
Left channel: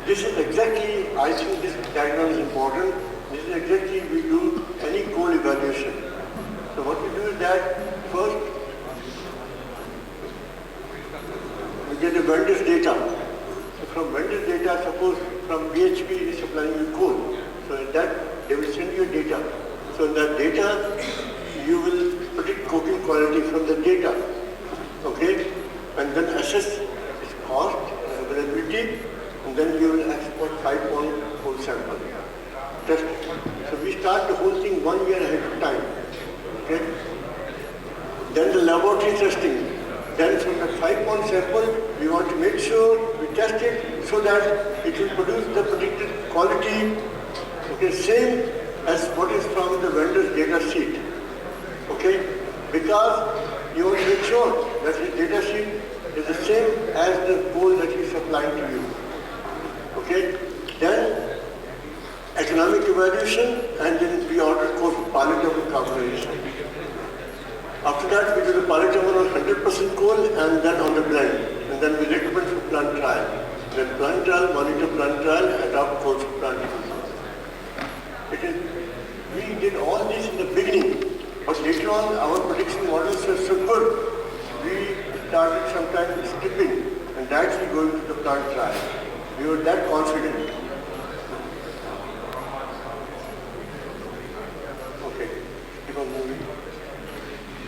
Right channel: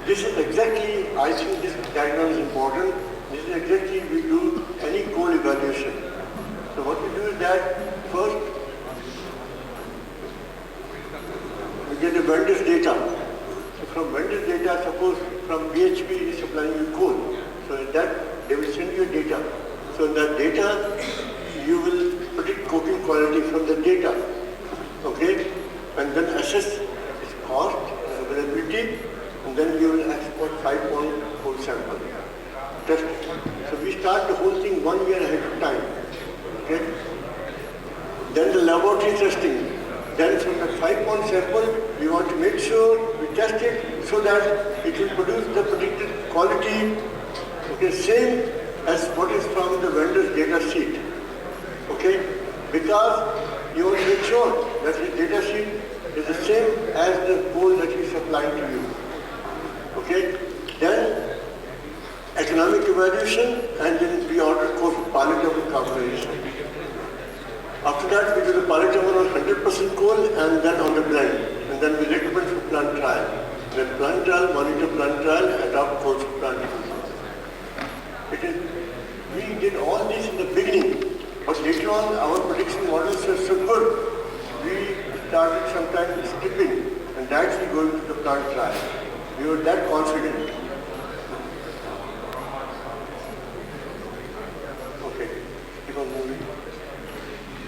This is exactly, I think this diagram is important. This is exactly we do any coal evaluation. So what we do is that first, we get the vendor's data. So from vendor's data, suppose from BHP is supplying you coal. So in that, they will send you data. So in that data, you will predict coking quality from the data, okay? And then assess its cost, availability, and then you will export 5-pound coal sample. Test it. So we start the whole thing 1 year ahead of time, okay? Then the laboratory testing. Then from the 5-pound sample, we want to make sure we test it so that it will produce the predicted quality. Okay, same as what is from the vendor's data sheet. Okay, because you want to make sure that the data sheet is the same as the coal that we supply to you. Okay, then economic evaluation, and then we order coal for pilot of incorporation. After that, we do the pilot on 100% coal and then on the blend, and then we recommend for plant trial. Then plant trial, monitor plant trial, adopt coal for plant trial. We did all this in the beginning, but later on our prediction models were so good, we started sometimes skipping and directly going to the plant trial. We were that confident. Okay, keep on moving.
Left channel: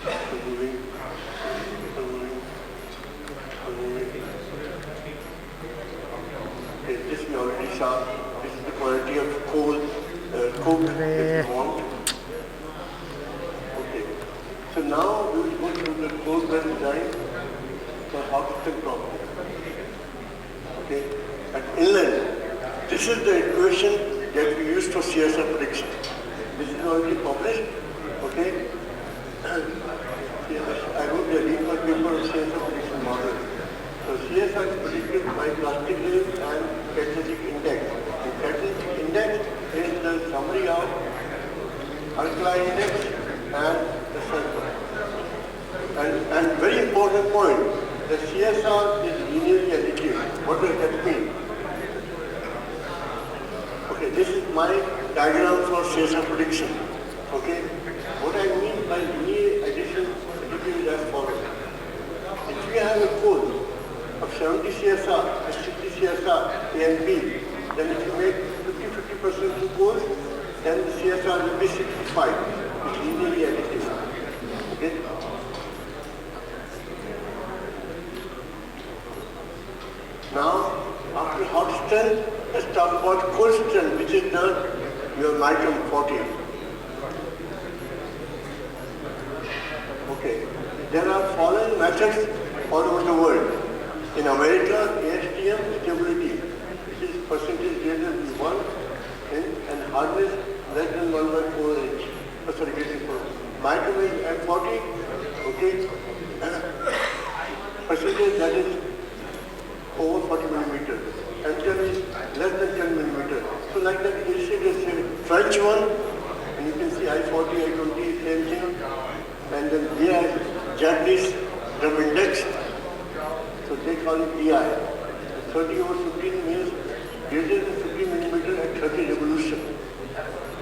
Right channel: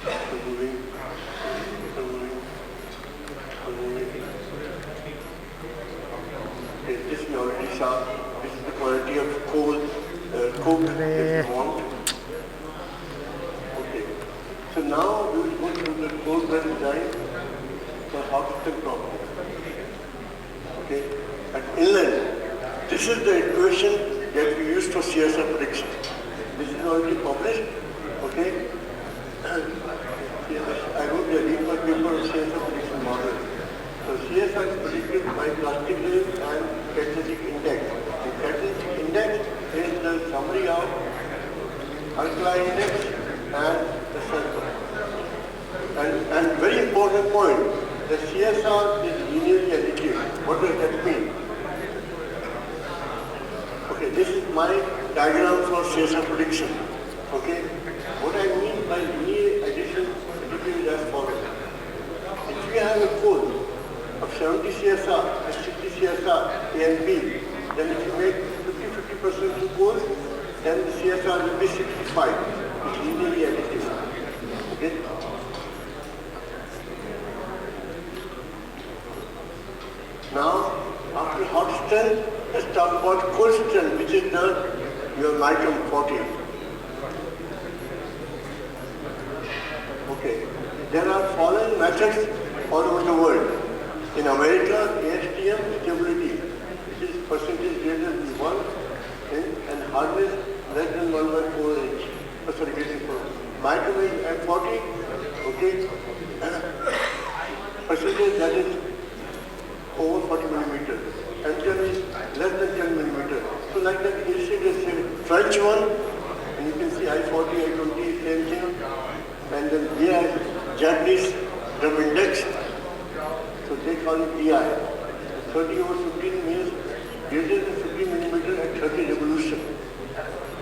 Keep moving. Keep moving. Keep moving. Okay, this we already saw. This is the quality of coal. Coke that you want. Okay. So now we will go through the coal blend design for hot stem problem. Okay. and inland. This is the equation that we use for CSR prediction. This is already published, okay? I wrote a deeper paper of CSR prediction model. So CSR is predicted by plastic wave and catalytic index. The catalytic index is the summary of alkali index and the sulfur. And very important point, the CSR is linearly additive. What does that mean? Okay, this is my diagram for CSR prediction. Okay, what I mean by linear addition is as follows. If you have a coal of 70 CSR, 60 CSR, A and B, then if you make 50% to coal, then the CSR will be 65. It's linearly additive. Okay? Now, after hot strength, let's talk about cold strength, which is your micron 40. Okay. There are following methods all over the world. In America, AITISM stability, which is percentage greater than 1 and hardness less than 1 by 4 inch. Sorry, greater than 4. Micron is at 40, okay. Percentage that is over 40 millimeters. And 10 is less than 10 millimeters. So like that, you see the French one, and you can see I-40, I-20, same thing. And then here, Japanese drum index, so they call it DI. 30 over 15 means greater than 50 millimeters at 30 revolution.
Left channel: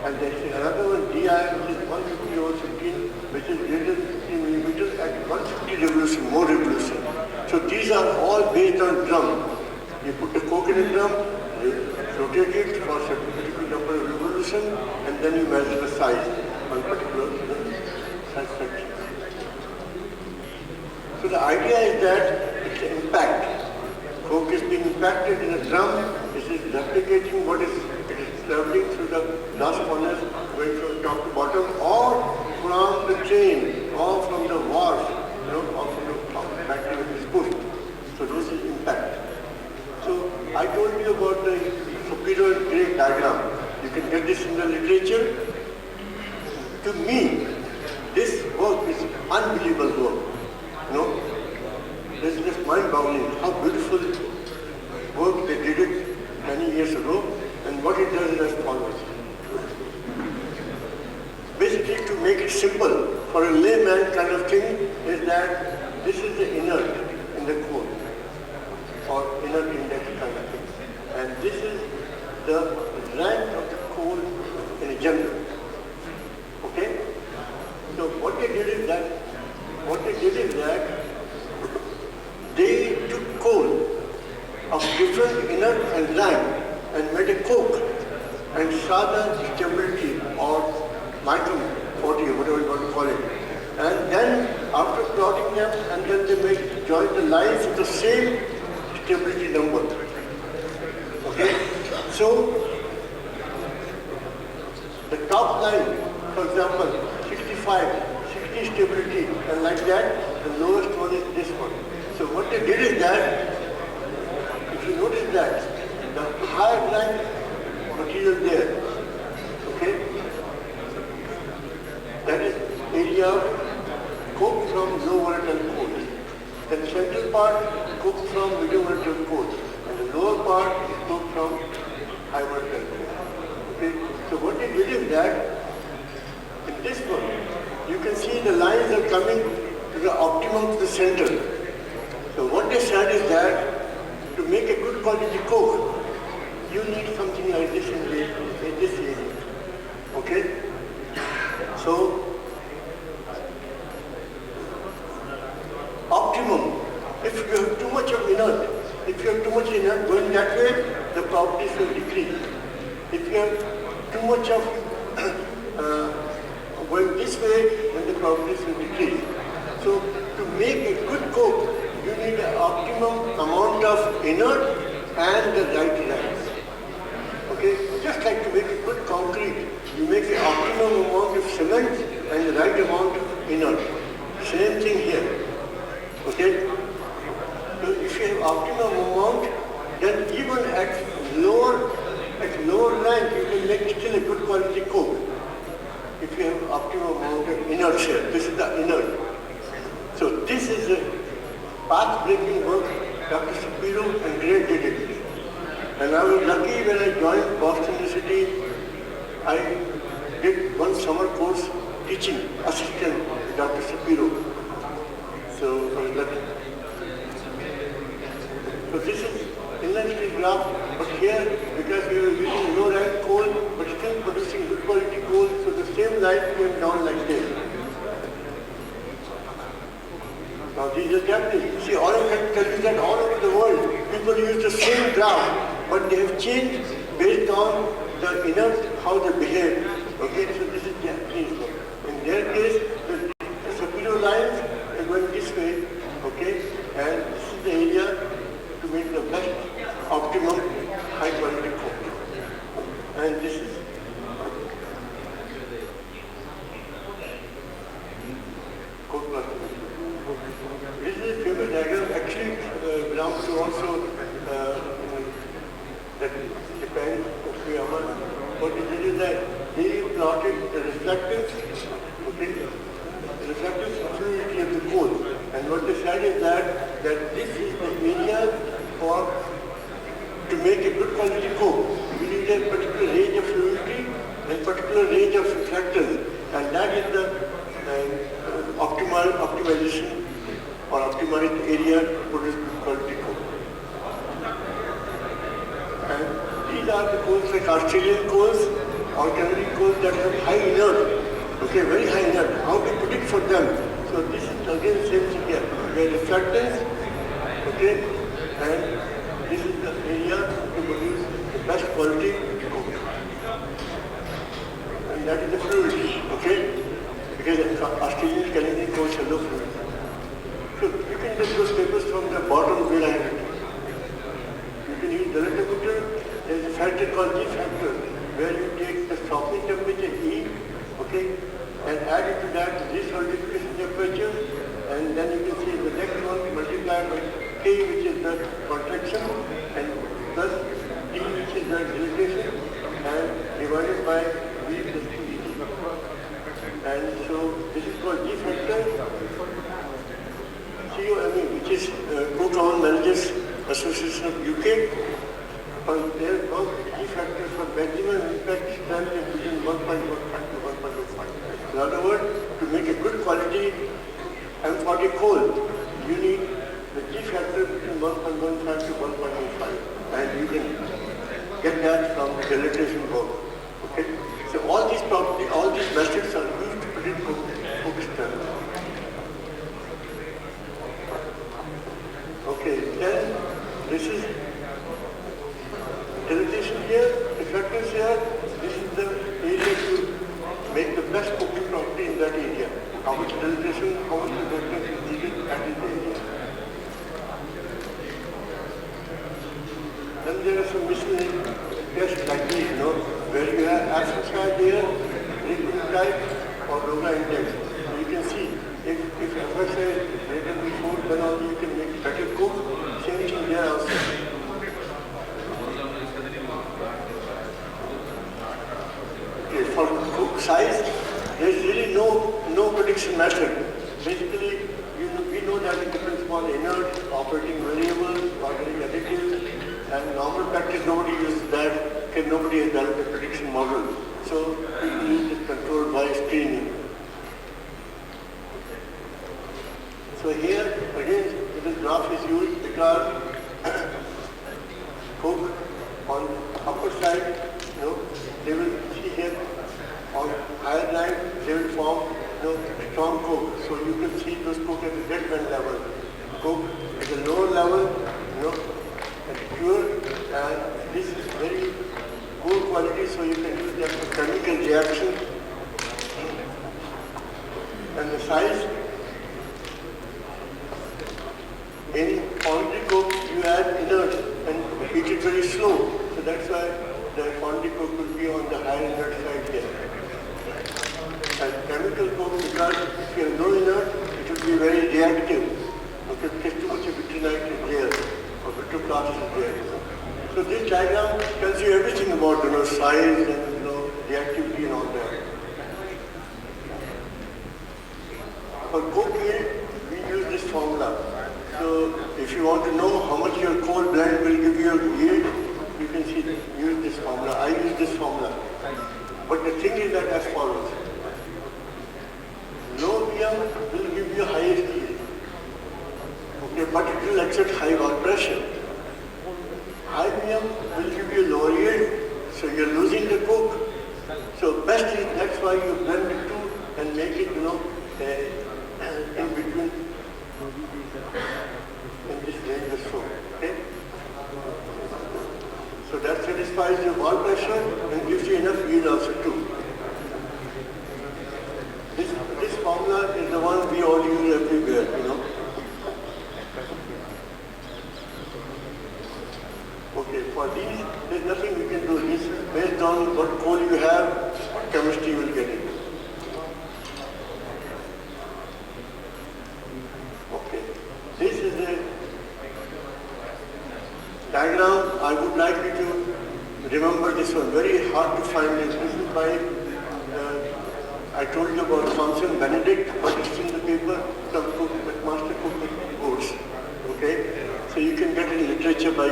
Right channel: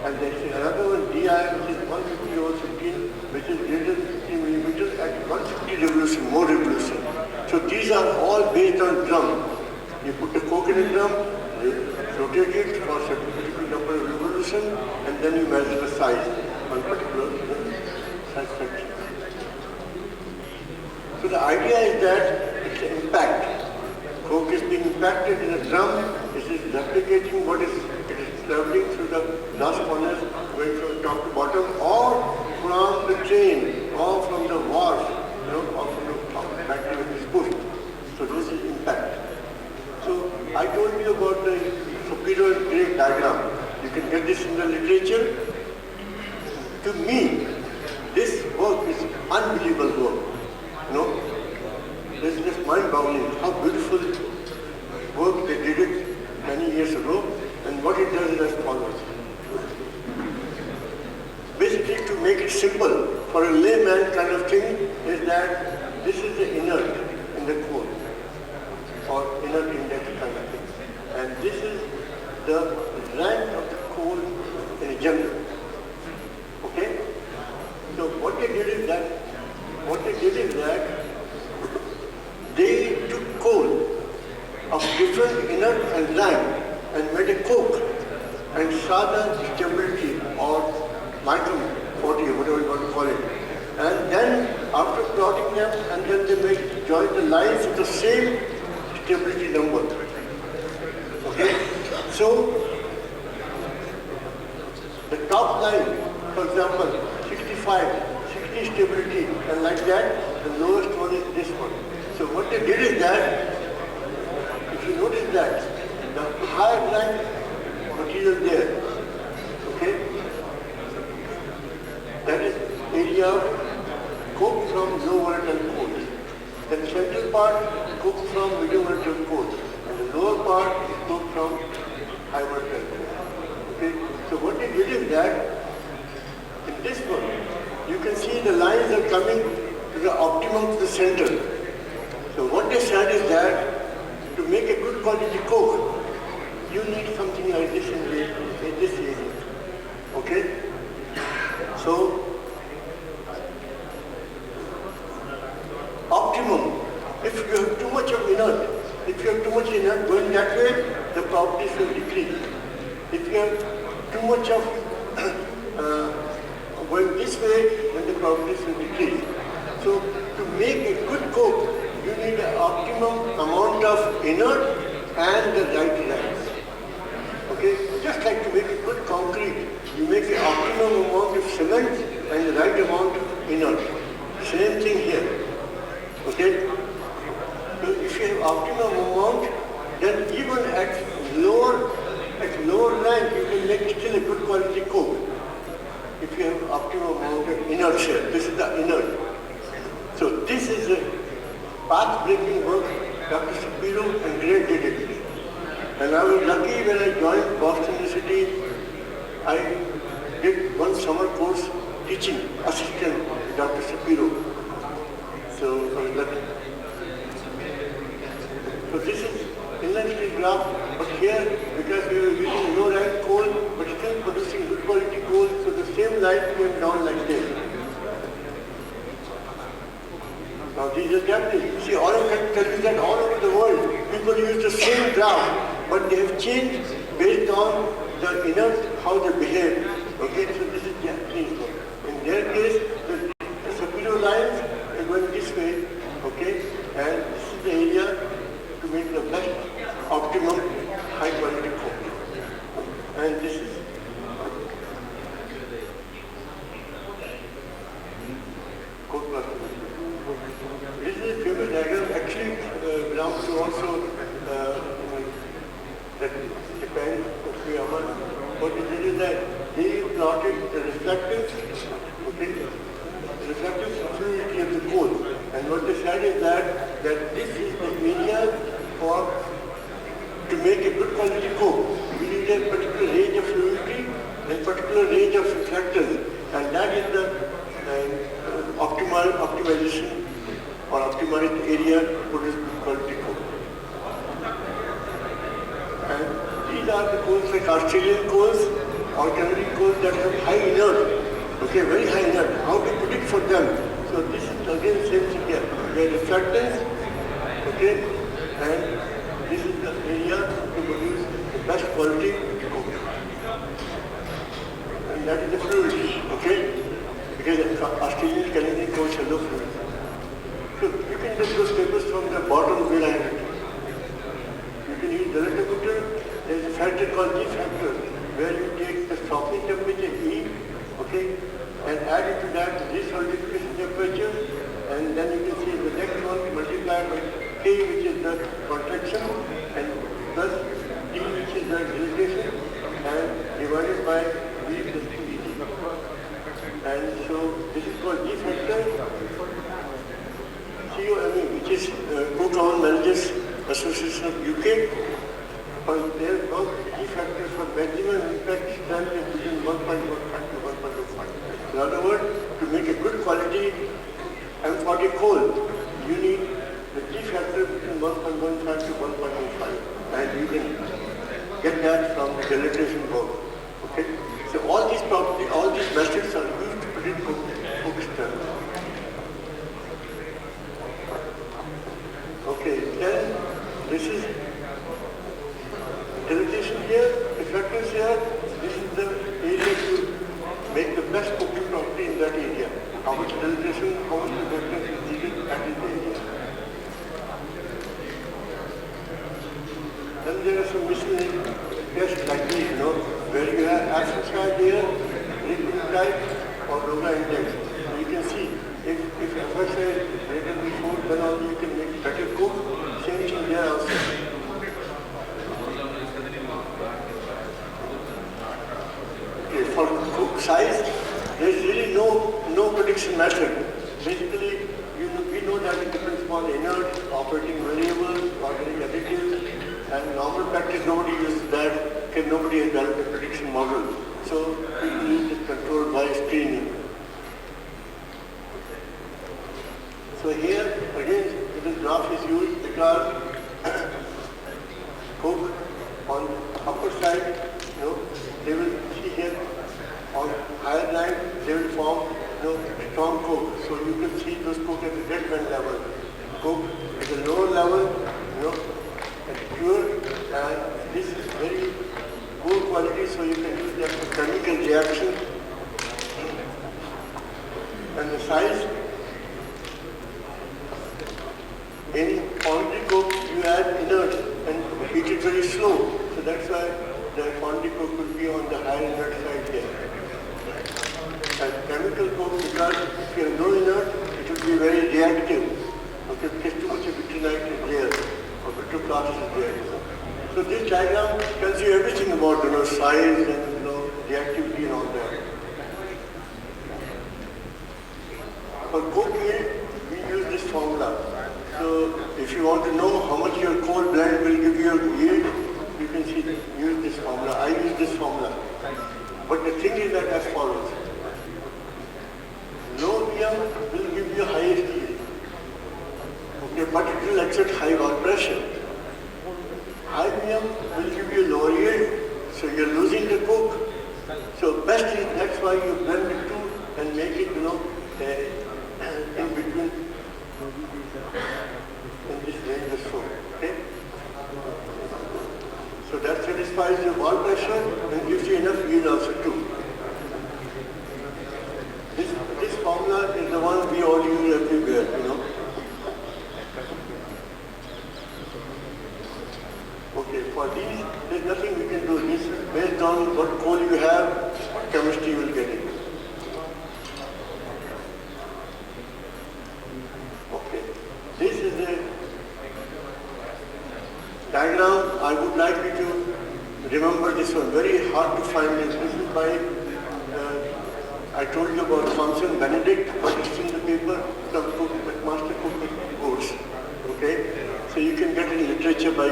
And they say another one, DI, which is 150 over 15, which is greater than 50 millimeters at 150 revolution, more revolution. So these are all based on drum. You put the coke in a drum, you rotate it for a particular number of revolution, and then you measure the size on particular size section. So the idea is that it's an impact. Coke is being impacted in a drum. This is replicating what it is traveling through the glass corners, going from top to bottom, or from the train, or from the wharf, or from the factory when it's pushed. So this is impact. So I told you about the superior and drake diagram. You can get this in the literature. To me, this work is unbelievable work. This is just mind-boggling how beautiful work they did it many years ago, and what it does is as follows. Basically, to make it simple, for a layman kind of thing, is that this is the inert in the core, or inert index kind of thing. And this is the rank of the coal in general. Okay? So what they did is that they took coal of different inert and lime and made a coke and saw the stability or micron 40 or whatever you want to call it. And then after plotting them, and then they join the lines with the same stability number. Okay? So the top line, for example, 65, 60 stability, and like that, the lowest one is this one. So what they did is that, if you notice that, the higher rank material there, okay, that is area of coke from low volatile coal. The central part, coke from medium volatile coal, and the lower part is coke from high volatile coal. Okay, so what they did is that, in this one, you can see the lines are coming to the optimum to the center. So what they said is that to make a good quality coke, you need something like this in this area. Okay? So, optimum. If you have too much of inert, going that way, the properties will decrease. If you have too much of going this way, then the properties will decrease. So to make a good coke, you need an optimum amount of inert and the right lines. Okay? Just like to make a good concrete, you make the optimum amount of cement and the right amount of inert. Same thing here. Okay? So if you have optimum amount then even at lower rank, you can make still a good quality coke. If you have optimum amount of inertia, this is the inert. So this is a path-breaking work Dr. Shapiro and Gray did it. And I was lucky when I joined Boston University, I did one summer course teaching assistant Dr. Shapiro. So I was lucky. So this is inlet steel graph, but here, because we were using low rank coal, but still producing good quality coal, so the same line came down like this. Now these are Japanese. See, all I can tell you that all over the world, people use the same graph, but they have changed based on the inert, how they behave. Okay, so this is Japanese one. In their case, the Shapiro lines are going this way, okay, and this is the area to make the best optimum high quality coke. And this is coke processing. This is a famous diagram, actually belongs to also that depends on what is that they plotted the reflectance, okay, the reflectance fluidity of the coal. And what they said is that this is the area to make a good quality coke. We need a particular range of fluidity and particular range of reflectance, and that is the optimization or optimized area to produce good quality coke. And these are the coals like Australian coals or Canadian coals that have high inert, okay, very high inert. How to predict for them? So this is again same thing here. We have reflectance, okay, and this is the area to produce the best quality coke. And that is the fluidity, okay, because Australian, Canadian coals have low fluidity. So you can take those papers from the bottom where I have. You can use relativimeter. There is a factor called G factor, where you take the softening temperature E, okay, and add it to that this solidification temperature, and then you can see the next one multiplied by K, which is the contraction, and plus D, which is the dilatation, and divided by V plus E. And so this is called G factor. COMA, which is Co-Common Managers Association of UK, but their work G factors for maximum impact stand between 1.15 to 1.05. In other words, to make a good quality M40 coal, you need the G factor between 1.15 to 1.05, and you can get that from the dilatation work. Okay? So all these properties, all these metrics are used to predict coke strength. Okay, then this is dilatation here, reflectance here. This is the area to make the best coking property in that area. How much dilatation, how much reflectance is needed at this area. Then there are some miscellaneous tests like these, where you have action side here, liquid type, or Roga index. So you can see if FSI is greater than 4, then only you can make better coke. Same thing there also. Okay, for coke size, there is really no prediction method. Basically, we know that it depends upon inert, operating variables, organic additives, and normal practice nobody uses that, because nobody has developed a prediction model. So people use it controlled by screening. So here, again, this graph is used because coke on upper side, they will see here on higher line, they will form strong coke. So you can see those coke at the dead band level. Coke at the lower level, pure, and this is very good quality, so you can use them for chemical reaction. And the size, in quantity coke you add inert and heat it very slow. So that's why the quantity coke will be on the higher inert side here. And chemical coke, because if you have no inert, it will be very reactive. Okay, because too much of vitrinite is there. class is there. So this diagram tells you everything about size and the activity and all that. For coke yield, we use this formula. So if you want to know how much your coal blend will give you a yield, you can use this formula. I use this formula. But the thing is that as follows. Low VM will give you highest yield. Okay, but it will accept high work pressure. High VM will give you lower yield, so you're losing the coke. So best is that's why you blend the two and make it, in between, in this range or so. Okay? So that satisfies your wall pressure and gives you enough yield also too. This formula is the one we all use everywhere, Okay, for these, there's nothing we can do. This is based on what coal you have, what chemistry you will get it. Okay, this is a diagram. I would like you to remember this one. Very hard to find this. This is by, I told you about Thomson Benedict, but it's in the paper, the Master Cooking Course. Okay, so you can get in literature by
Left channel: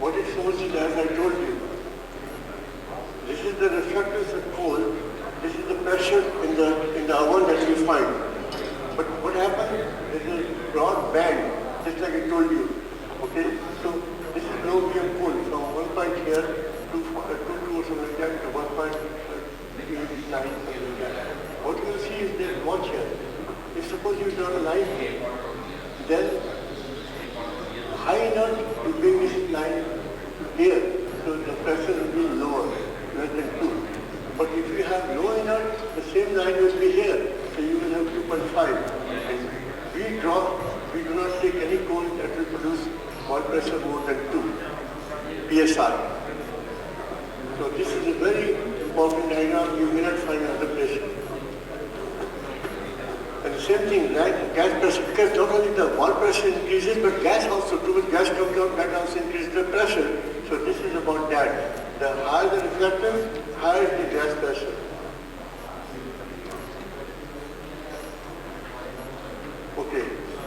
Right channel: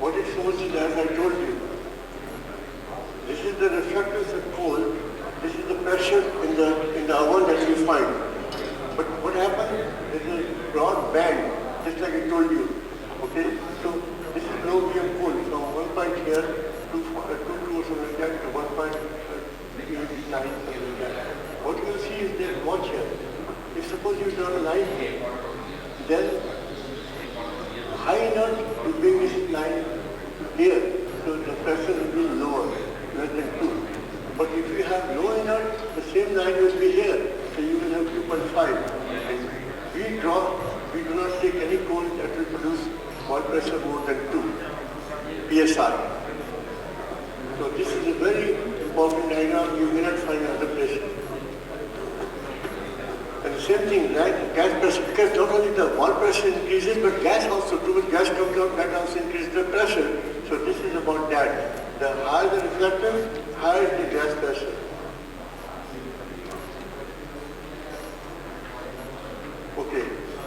what it shows is, as I told you, this is the reflectance of coal, this is the pressure in the oven that you find. But what happens is a broad band, just like I told you. Okay? So this is low VM coal from one point here to 2 or something like that to 1.9 something like that. What you will see is that watch here. If suppose you draw a line here, then high enough to bring this line here, so the pressure will be lower, less than 2. But if you have low enough, the same line will be here, so you will have 2.5. We do not take any coal that will produce oil pressure more than 2 psi. So this is a very important diagram you may not find in other places. And the same thing, gas pressure, because not only the wall pressure increases, but gas also, too much gas comes out, that also increases the pressure. So this is about that. The higher the reflectance, higher is the gas pressure. Okay.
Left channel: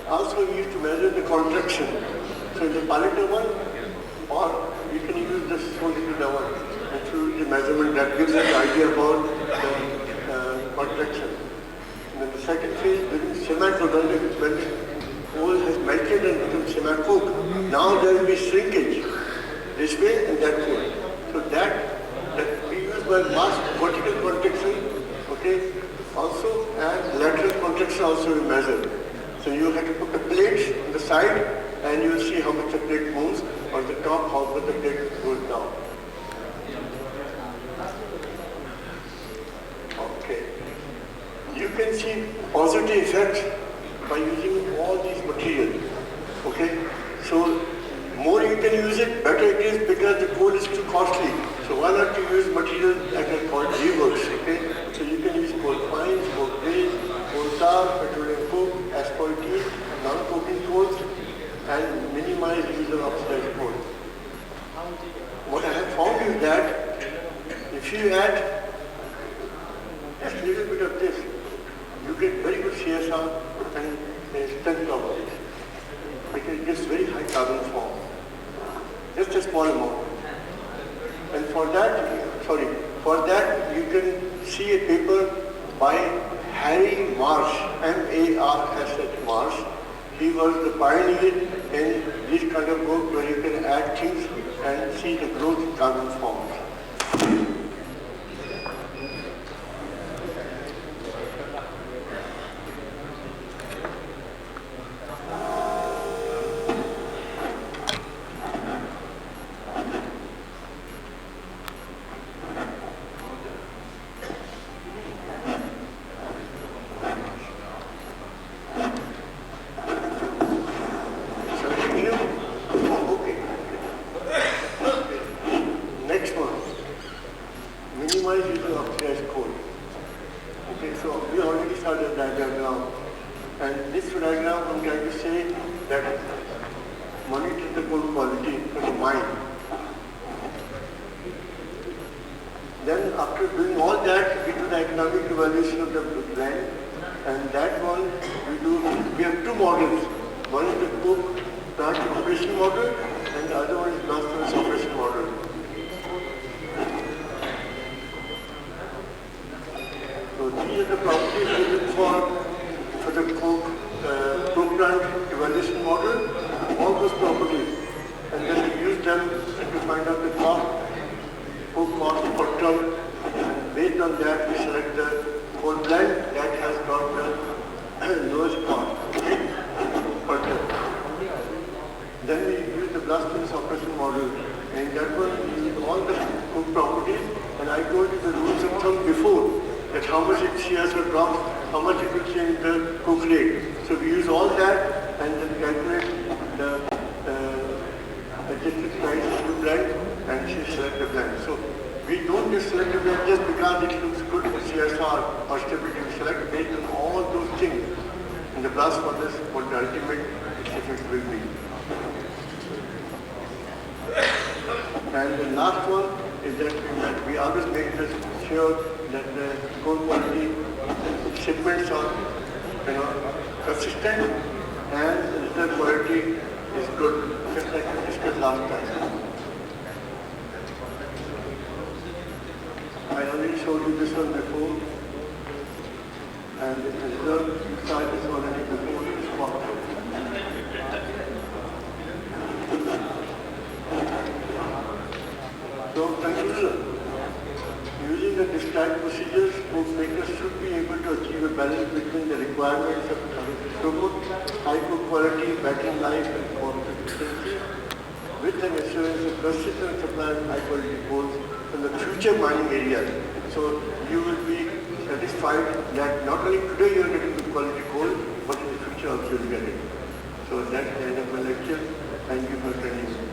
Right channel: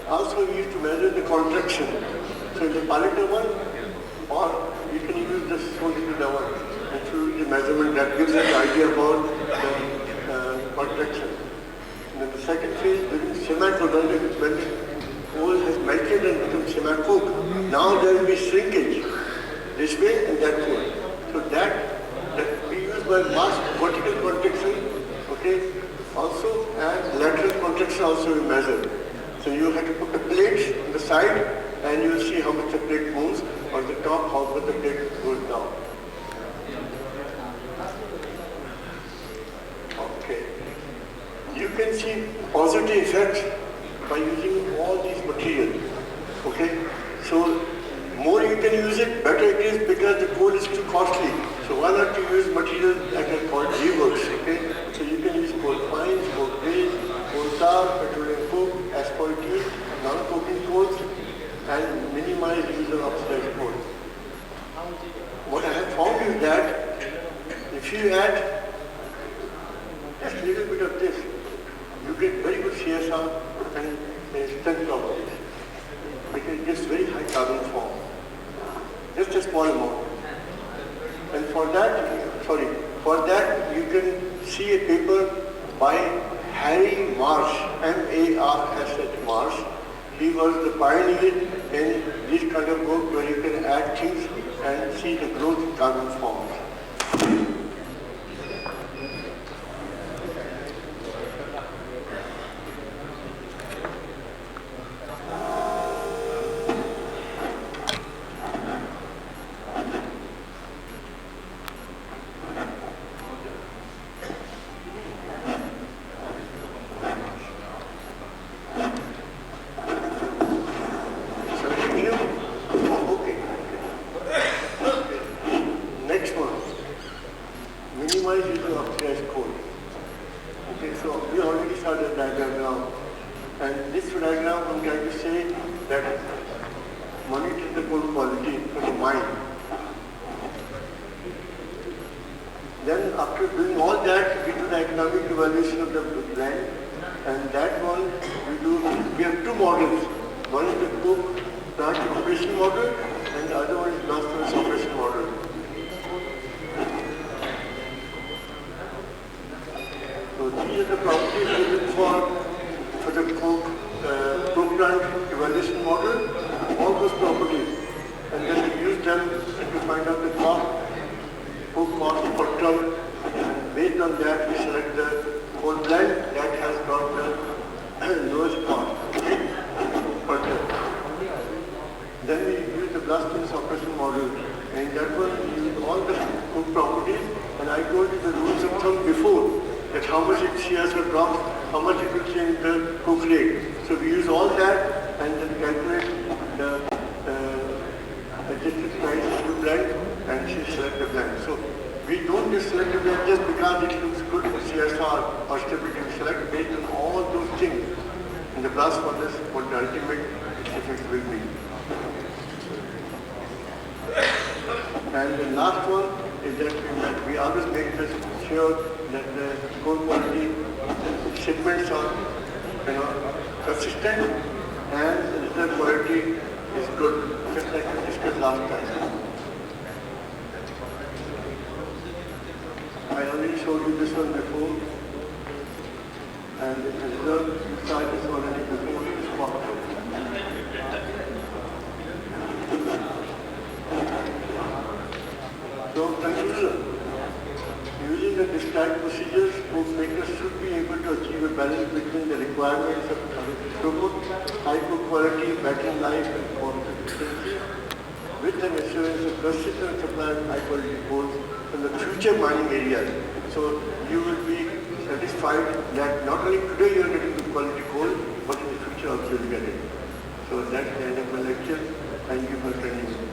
Also we used to measure the contraction. So in the pilot oven, or you can use the solid oven and choose the measurement that gives us an idea about the contraction. And the second phase, semi-coke, when the coal has melted and become semi-coke, now there will be shrinkage this way and that way. So that we use by mass vertical contraction, okay, also, and lateral contraction also we measure. So you have to put the plates on the side and you will see how much the plate moves, on the top how much the plate goes down. Okay. You can see positive effects by using all these materials. Okay? So more you can use it, better it is, because the coal is too costly. So why not to use materials that are called reworks? Okay? So you can use coal fines, coal grade, coal tar, petroleum coke, asphaltene, non-coking coals, and minimize use of oxidized coal. What I have found is that if you add just a little bit of this, you get very good CSR and strength properties. It gives very high carbon form. Just a small amount. And for that you can see a paper by Harry Marsh, M-A-R-S-H Marsh. He was the pioneer in this kind of work where you can add things and see the growth in carbon forms. Next one. coal quality in the mine. Then after doing all that, we do the economic evaluation of the land, and that one we have two models. One is the coke plant operation model, and the other one is blast furnace operation model. So these are the properties we look for the coke plant evaluation model, all those properties, and then we use them to find out the cost per ton, and based on that we select the coal blend that has got the lowest cost per ton. Then we use the blast furnace operation model, and that one we use all the coke properties, and I told you the rules of thumb before, that how much it shares or drops, how much it will change the coke rate. So we use all that and then calculate the adjusted price of the blend and select the blend. So we don't just select the blend just because it looks good for CSR or stability. We select based on all those things in the blast furnace what the ultimate effect will be. And the last one is that we always make this sure that the coal quality shipments are consistent and the quality is good, just like we discussed last time. I already showed you this one before, and the reserve side is already before this part. So, conclusion. Using the described procedures, book makers should be able to achieve a balance between the requirements of throughput, high coke quality, battery life, and cost efficiency, with an assurance of consistent supply of high quality coal in the future mining areas. So you will be satisfied that not only today you are getting good quality coal, but in the future also you will get it. So that's the end of my lecture. Thank you for attending.